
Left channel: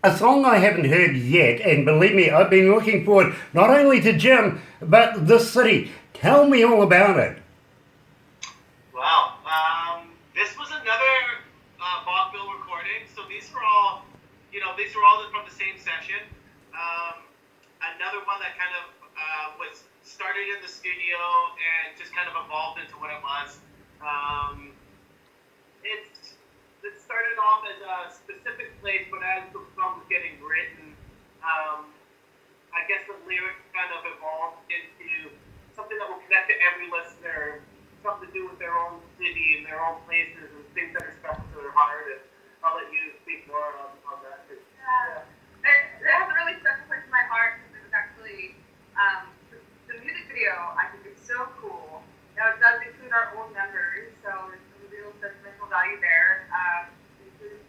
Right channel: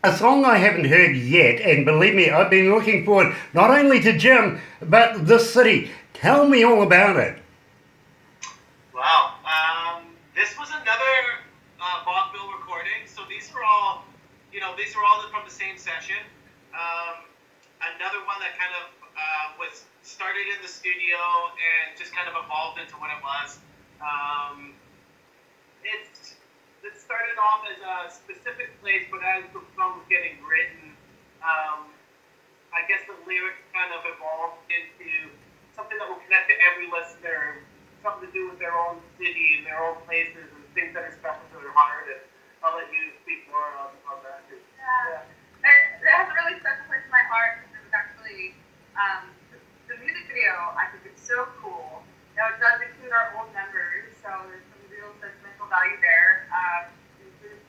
a song I haven't heard yet, and believe me, I've been looking forward not only to Jim, but this city. Tell me all about it. Wow. This was another vaudeville recording. So these were all from the same session. Another one that kind of was started in the studio and just kind of evolved into what it was. It started off as a specific place, but as the song was getting written, I guess the lyrics kind of evolved into something that will connect to every listener, something to do with their own city and their own places and things that are special to their heart. And I'll let you speak more on that too. Yeah. It has a really special place in my heart because it was actually the music video. I think it's so cool. Now it does include our old members, so there's some real sentimental value there.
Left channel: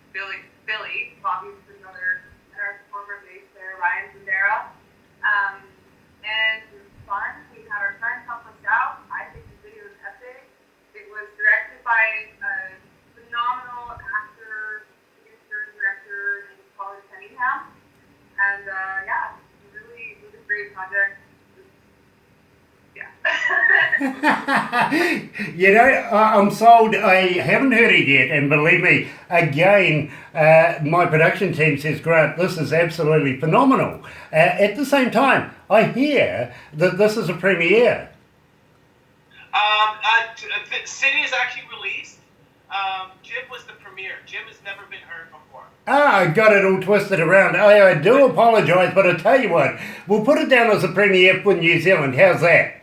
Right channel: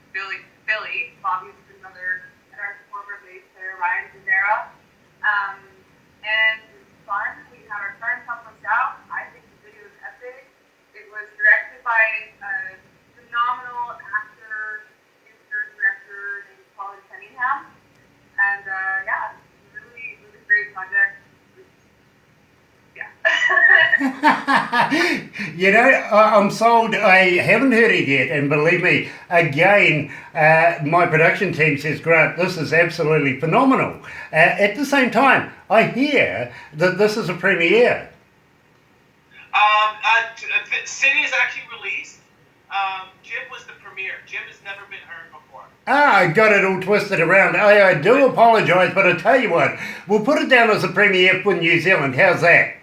Including Billy, Bobby's another, and our former bass player Ryan Zendera. And it was fun. We had our friends help us out. I think the video is epic. It was directed by a phenomenal actor, producer, director named Colin Cunningham. And yeah, it was a really great project. You know, I'm sold. I haven't heard it yet, and believe me, again, my production team says, Grant, this is absolutely phenomenal. At the same time, I hear that this is a premiere. City is actually released. Jim was the premiere. Jim has never been heard before. I got it all twisted around. I do apologise, but I tell you what, we'll put it down as a premiere for New Zealand. How's that?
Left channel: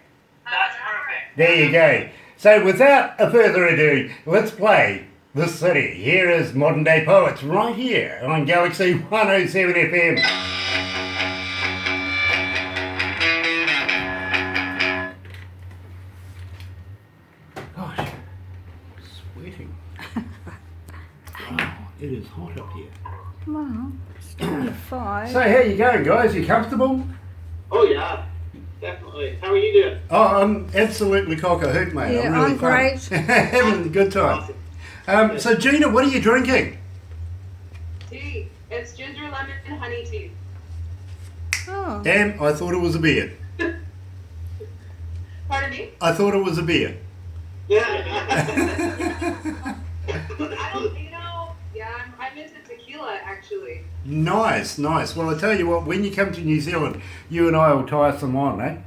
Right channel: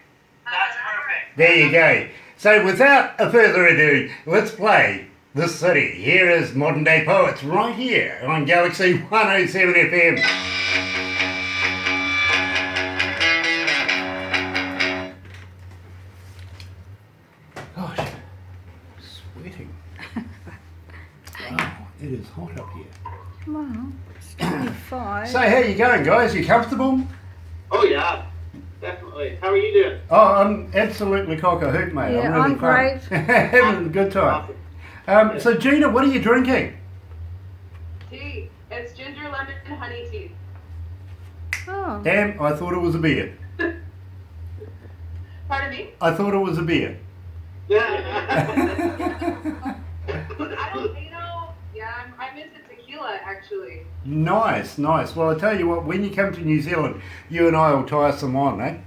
That's perfect. There you go. So without a further ado, let's play The City. Here is Modern Day Poets right here on Galaxy 107 FM. Gosh, sweating. Wow, it is hot up here. Well, it's 25. So how you going, guys? You comfortable? Oh yeah, definitely. How are you doing? Oh, I'm absolutely cock-a-hoot, mate. Yeah, really I'm great. Having a good time. Awesome. So Gina, what are you drinking? Tea. It's ginger lemon and honey tea. Oh, Damn, I thought it was a beer. Pardon me? I thought it was a beer. Yeah. I don't, yeah, I'm I'm into tequila, actually. Nice. Well, I tell you what, when you come to New Zealand, you and I will tie some on, eh?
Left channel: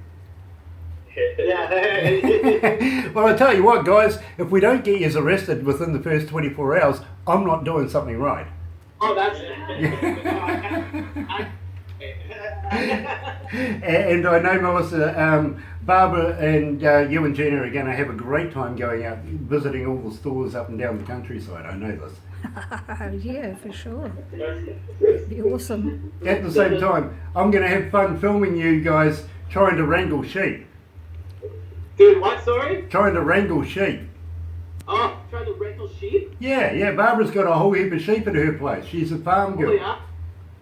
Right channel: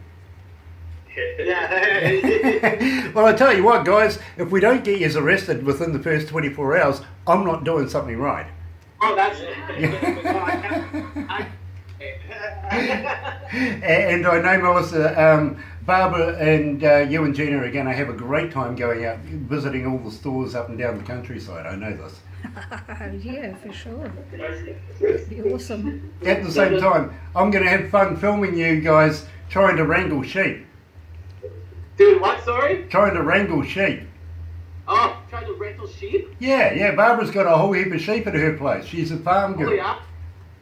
Yeah. Well, I tell you what, guys, if we don't get you arrested within the first 24 hours, I'm not doing something right. Oh, that's. And I know, Melissa, Barbara and you and Gina are going to have a great time going out, visiting all the stores up and down the countryside. I know this. Yeah, for sure. It'd be awesome. At the same time, I'm going to have fun filming you guys trying to wrangle sheep. Dude, what? Sorry? Trying to wrangle sheep. Oh, trying to wrangle sheep? Yeah, Barbara's got a whole heap of sheep at her place. She's a farm girl. Oh, yeah?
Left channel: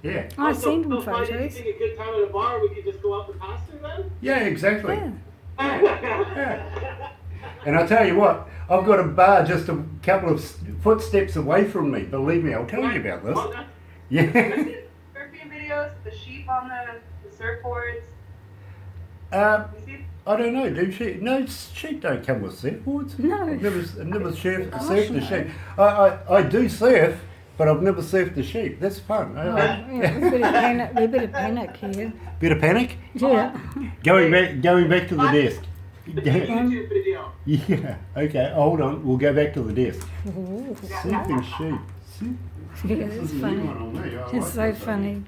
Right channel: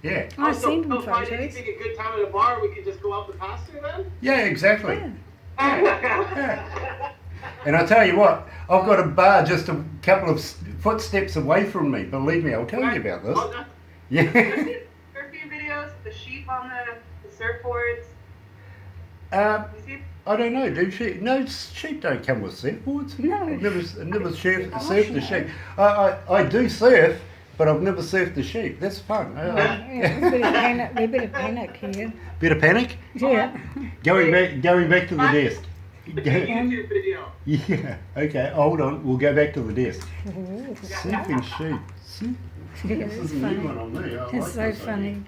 Yeah. I've seen them Find photos. anything a good time at a bar, we could just go out the pasture then? Yeah, exactly. Yeah. Yeah. And I tell you what, I've got a bar just a couple of footsteps away from me. Believe me, I'll tell you about this. Oh, no. Yeah. Surfing videos, the sheep on the surfboards. You see? I don't know. Do sheep? No, sheep don't come with surfboards. No. I've never surfed Gosh, a no. sheep. I do surf, but I've never surfed a sheep. That's fun. Yeah, a bit of panic. A bit of panic here. Bit of panic. Yeah. Going back to the desk. YouTube video. Yeah. Okay. Hold on. We'll go back to the desk. Ooh. Surfing sheep. Yeah, This it's is a new one funny. on me. I It's like so this funny.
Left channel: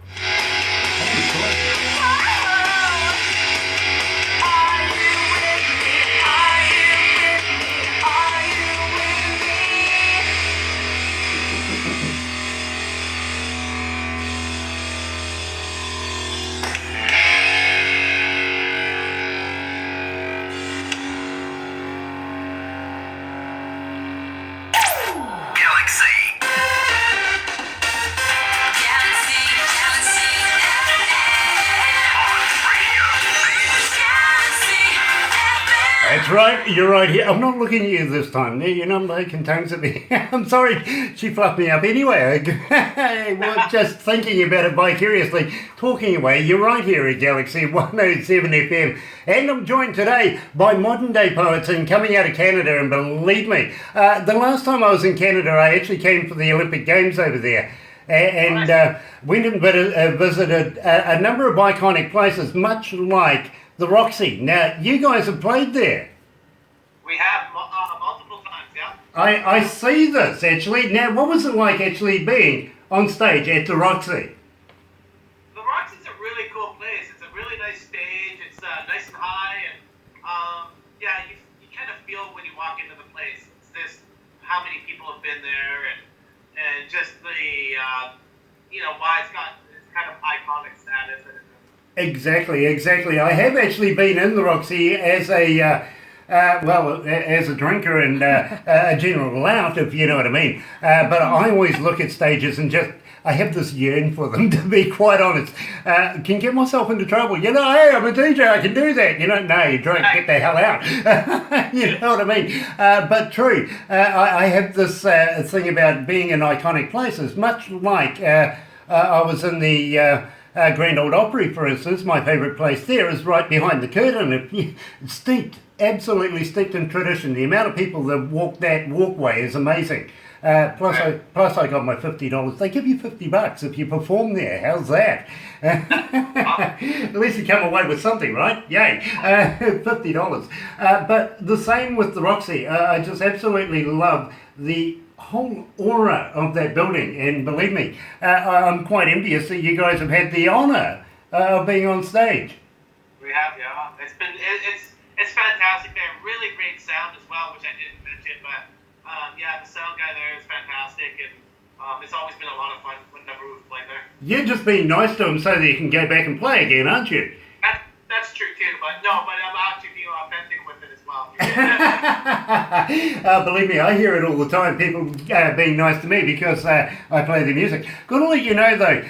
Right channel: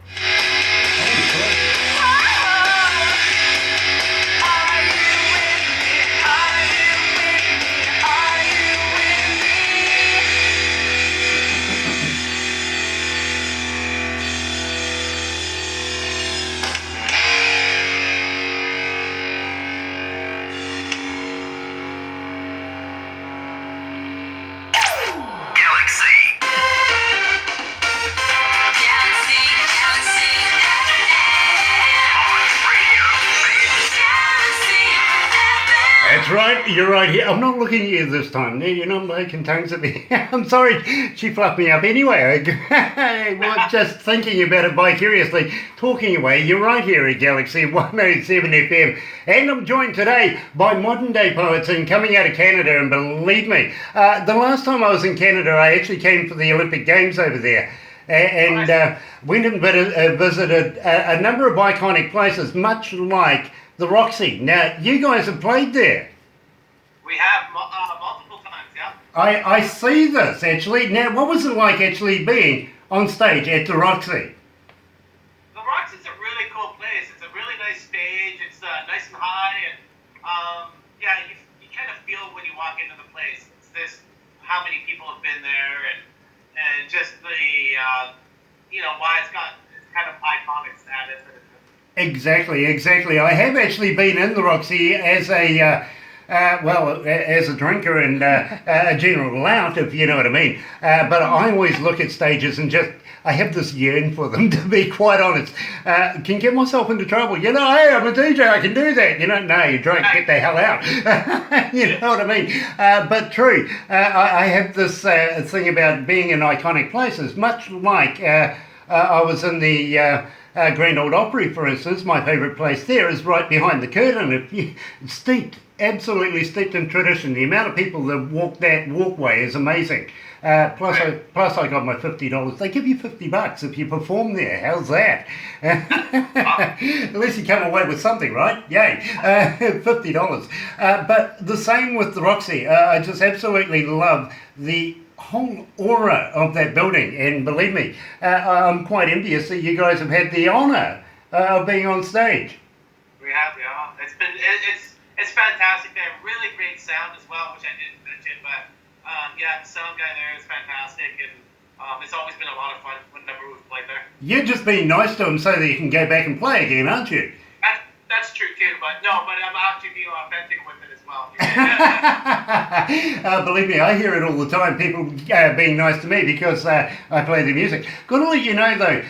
That's right, you're right here. I'm not looking at you this time. You're not making tongues at me. I'm sorry, she fluffed me up anyway. I was just thinking about it vicariously, talking away. You're right here at Galaxy 107 FM. And I'm joined today by modern day poets and coming out of Canada. And believe me, the last time I was in Canada, I actually came for the Olympic Games over there. And went and visited a number of iconic places, much like the Roxy. Now, you guys have played there. We have multiple times, yeah. I see this, actually. Now, what was it like actually being on stage at the Roxy? The Roxy's a really cool place. It's a really nice stage. It's nice and high, and yeah, you kind of feel when you walk into the place. It's this how many people have been there, and just the why it's kind of iconic status. Exactly. I have actually been in the Roxy as a as a drinker and a general lout, if you know what I mean. But I always look at stages and I have this yearn for them, to be quite honest. Can get myself into trouble. Hey, I'm a DJ, I can do that. No, you're drunk, get the hell out. You know what I mean? But true, I have this thing about being in iconic places, much like I was in the Grand Old Opry, for instance. My favourite place there is right behind the curtain. It's absolutely steeped in tradition. The amount of people that walk that walkway is amazing. Plus I got my $50. They give you $50 if you perform there. How's that? At least you come away with something, right? Yay. $50. But the same with the Roxy. I just absolutely love the whole aura of that building, and believe me, I'm quite envious that you guys have had the honour of being on stage. We have, yeah. It's fantastic. They have really great sound as well, which I didn't mention, but yeah, the sound guy there is fantastic, and it's always been a lot of fun whenever we've played there. You're just being nice to them so that you can go back and play again, aren't you? That's true too, but I'm actually being authentic with it as well. Believe me, I hear it all the time, people being nice to me because I play the music. Got to let you know though,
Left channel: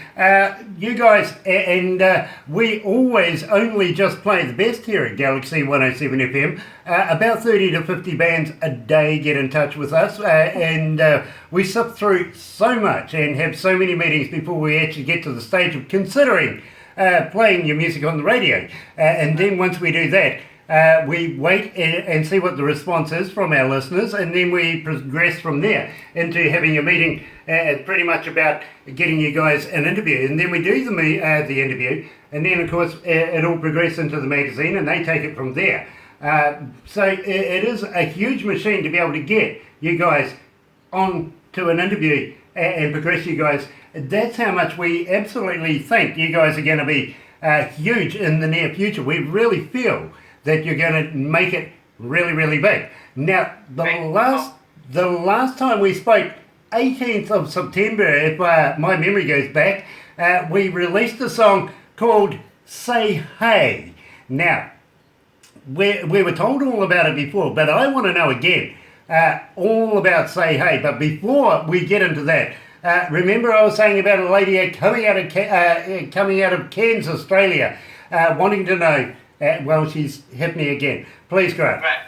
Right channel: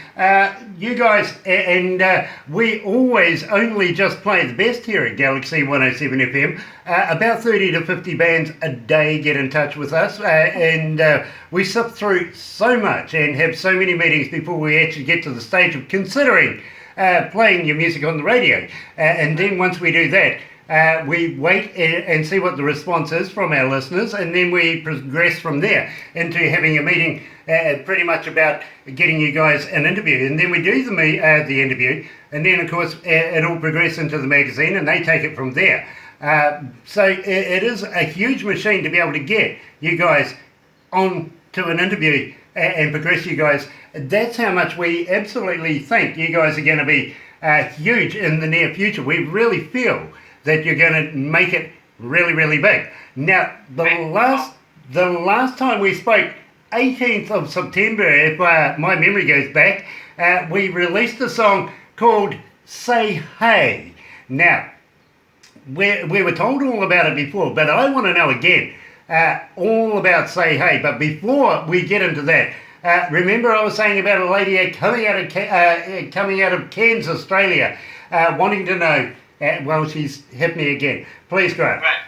you guys, and we always only just play the best here at Galaxy 107 FM. About 30 to 50 bands a day get in touch with us, and we sift through so much and have so many meetings before we actually get to the stage of considering playing your music on the radio. And then once we do that, we wait and see what the response is from our listeners, and then we progress from there into having a meeting pretty much about getting you guys an interview, and then we do the interview, and then of course it all progresses into the magazine, and they take it from there. So it is a huge machine to be able to get you guys on to an interview and progress you guys. That's how much we absolutely think you guys are going to be huge in the near future. We really feel that you're going to make it really, really big. Now, the last time we spoke, 18th of September, if my memory goes back, we released a song called Say Hey. Now, we were told all about it before, but I want to know again all about Say Hey. But before we get into that, remember I was saying about a lady coming out of Cairns, Australia, wanting to know, well, she's hit me again. Please, Grant. Right.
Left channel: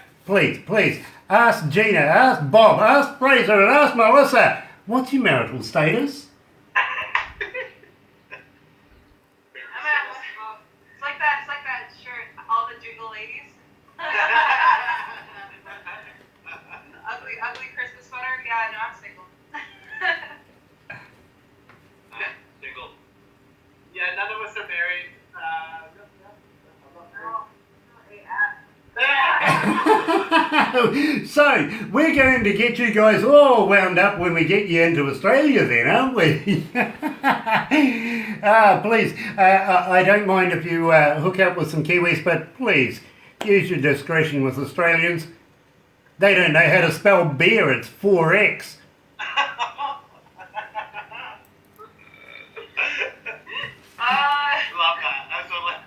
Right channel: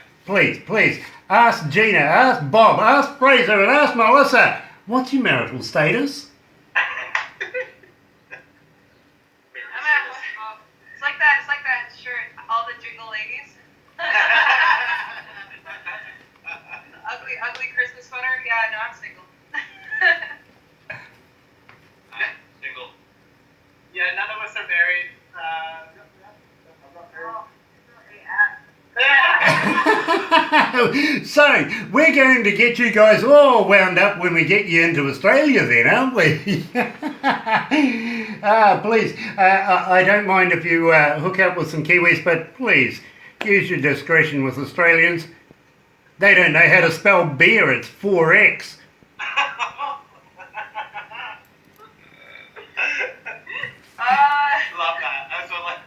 Please. Ask Gina, ask Bob, ask Fraser, and ask Melissa, what's your marital status? It's like that shirt, all the jingle ladies. ugly Christmas sweater. Yeah, no, I'm single. Single. Yeah, none of us are married. So, we're going to get you guys all wound up when we get you into Australia then, aren't we? Please, I don't mind if you hook up with some Kiwis, but please, use your discretion with Australians. They don't know how to spell beer, it's 4X. Love that. That's what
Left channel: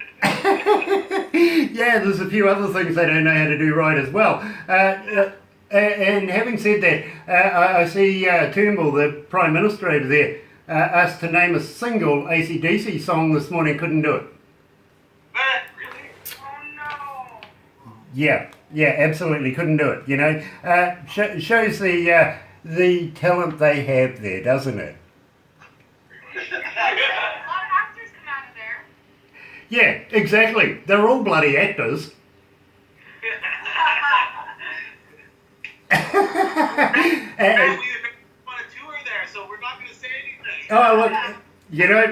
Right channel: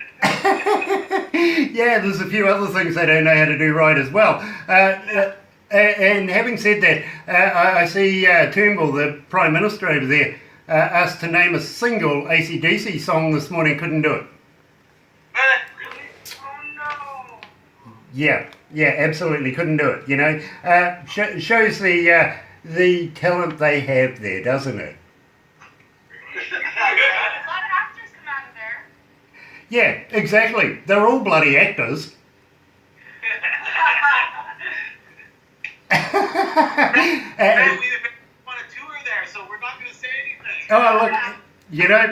Yeah, there's a few other things they don't know how to do right as well. And having said that, I see Turnbull, the Prime Minister over there, asked to name a single AC/DC song this morning, couldn't do it. Really? Oh no. Yeah, absolutely couldn't do it, you know. Shows the talent they have there, doesn't it? A lot of actors come out of there. Yeah, exactly. They're all bloody actors. Apparently they want a tour there, so we're not going to say anything. Oh, look, you know,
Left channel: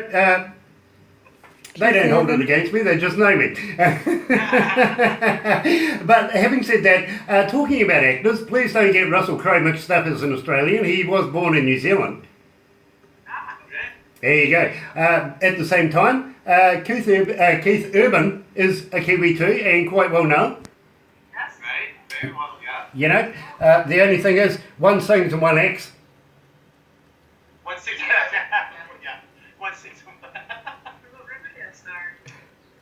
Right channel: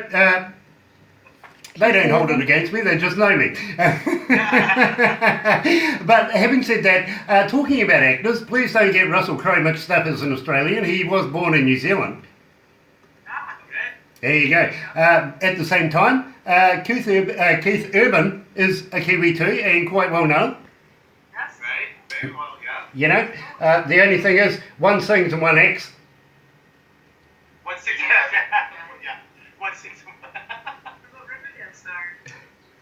they don't hold it against me, they just know me. But having said that, talking about actors, please don't get Russell Crowe mixed up as an Australian. He was born in New Zealand. There you go. At the same time, Keith Urban is a Kiwi too, and quite well known. That's right. Very well, yeah. You know, the only thing is, one sings and one acts. 160. Yeah. 160. What about Riverdale star?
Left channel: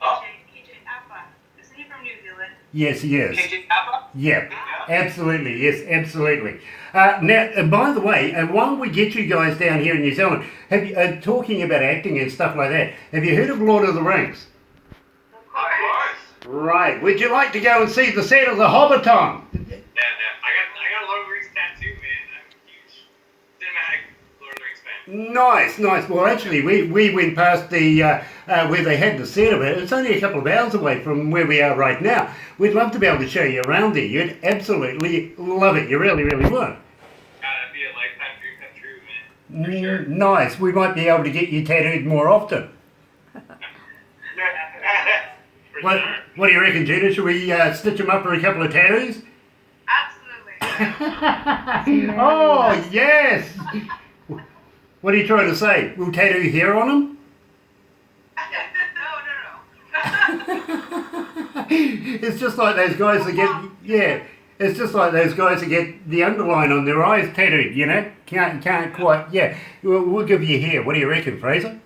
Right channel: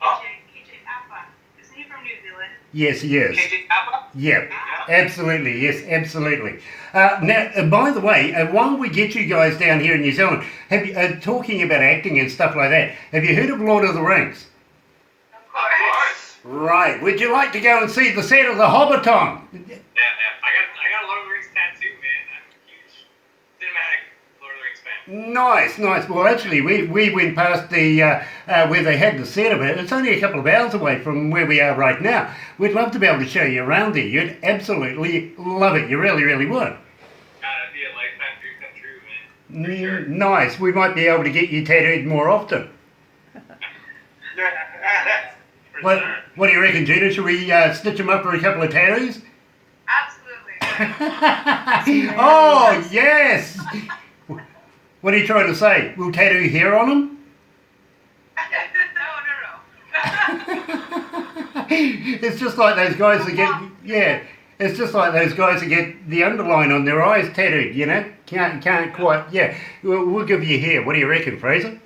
Oh. KJ Apa. Isn't he from New Zealand? Yes, he is. KJ Appa? Yeah, absolutely. Yes, absolutely. Now, by the way, while we get you guys down here in New Zealand, have you, talking about acting and stuff like that, have you heard of Lord of the Rings? Of course. Right. Would you like to go and see the set of The Hobbiton? Yeah. I got a Lord of the Rings tattoo, man. I'm a huge cinematic Lord of the Rings fan. Nice. Well, actually, we went past the where they had the set of it. It's only a couple of hours away from where we are right now. We'd love to be able to show you around there. You'd absolutely love it. You really, really would. That'd be a lifetime dream come true, man. For sure. Nice. We might be able to get you tattooed more often. For sure. What do you reckon, Gina? Should we stitch them up for a couple of tattoos? Absolutely. Oh, yes! What are you trying to say? We'll tattoo hair on them? No. It's just like those guys that get, it's just like those guys that get the underline on their eyes tattooed, you know? Can't quite, We'll give you hair. What do you reckon, Fraser? As long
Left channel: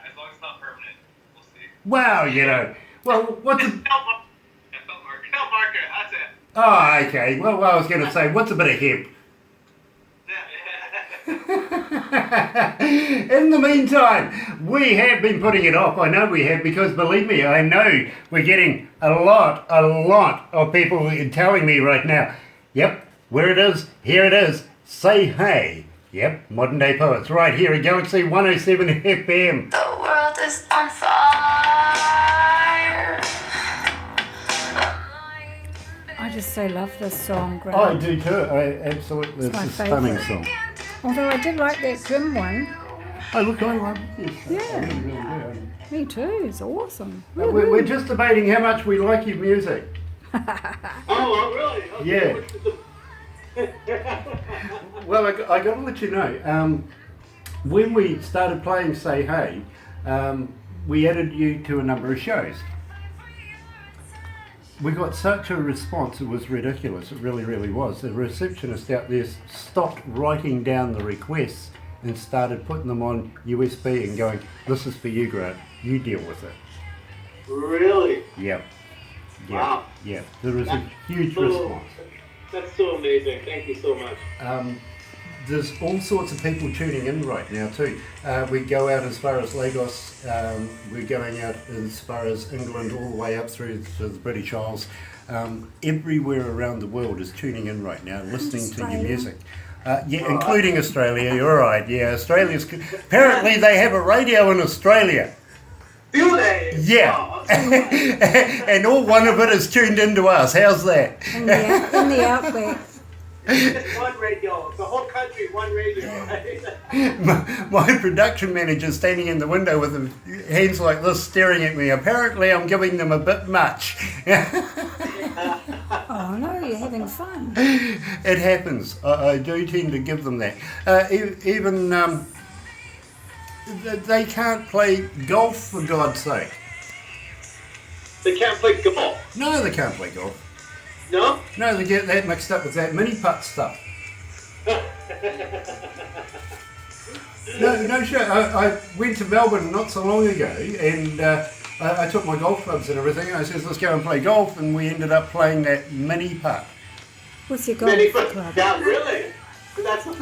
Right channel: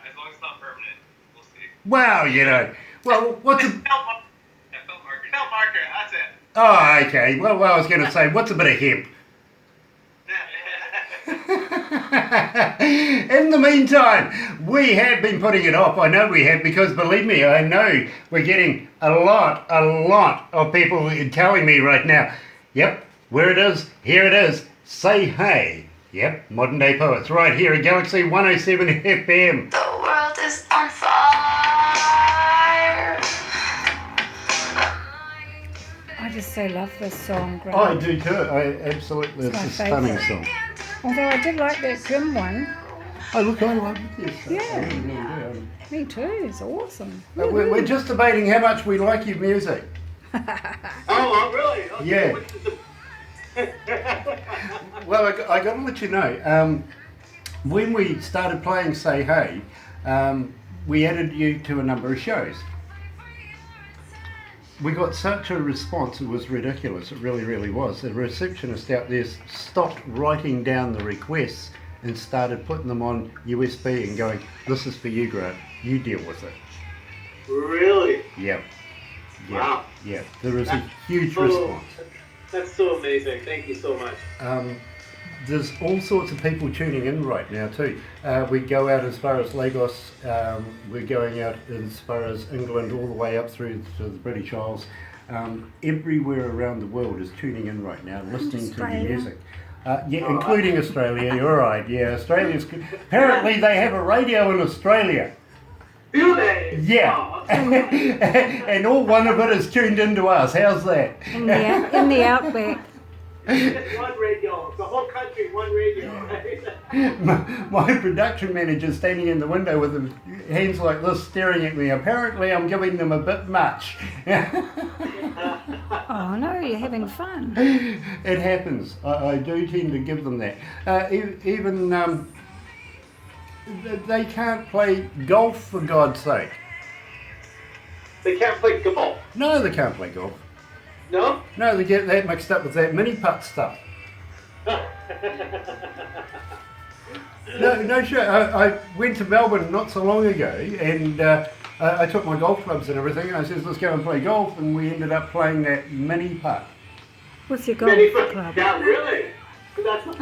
as it's not permanent, we'll see. Wow, you know. Well, what's a... Felt marker, that's it. Oh, okay. Well, I was going to say, what's a bit of hemp? In the meantime, we have been putting it off. I know we have, because believe me, I know we're getting a lot of people telling me right now, yep, where it is, here it is, say hey. Yep, Modern Day Poets, right here at Galaxy 107 FM. The world is on fire. I just so love this song, Grant. I do too. I absolutely, It's my it's a stunning favourite. song. Although I did like that Jim one. Oh, look, I love this. Yeah. I really, really do. Me too. It's awesome. We're just debating how much we like your music. Oh, really? Okay. Well, I got to let you know, when we started playing Say Hey, we added you to a number of shows. We got such a response, it was ridiculous, it really, really was. The receptionist out there stopped writing down the requests and started putting them on USB and going, this is for you, Grant, you deal with it. Really? Yep. Yeah. Wow. Yeah, there was a huge so, response. That's so amazing. Thank you so much. There's all sorts of people tuning in right now too. We go out as far as Lagos, we're going out as far as England, all the way up through to the British Isles. Everywhere around the world is tuning in right now, listening to your music. Yeah, including Australia, you're right, yeah, Australia's, apparently they have a radio in Australia. Do they? Yeah, Oh. and all one of it is tuned into us, how's that? In the outback. It's one radio. The whole country, one radio, right? My production manager's standing in the window with his hands like this staring at me. Apparently I'm giving them a bit much. Oh no, you're having fun. It happens. I do tend to give them that. Even they can't play golf, for God's sake. They can't play golf. No, they can't play golf. No? No, they get that mixed up with that mini putt stuff. No, sure. I went to Melbourne not so long ago, and I took my golf clubs and everything. I said, let's go and play golf, and we ended up playing that mini putt. What's your golf Many- club? Yeah, really? That's Oh,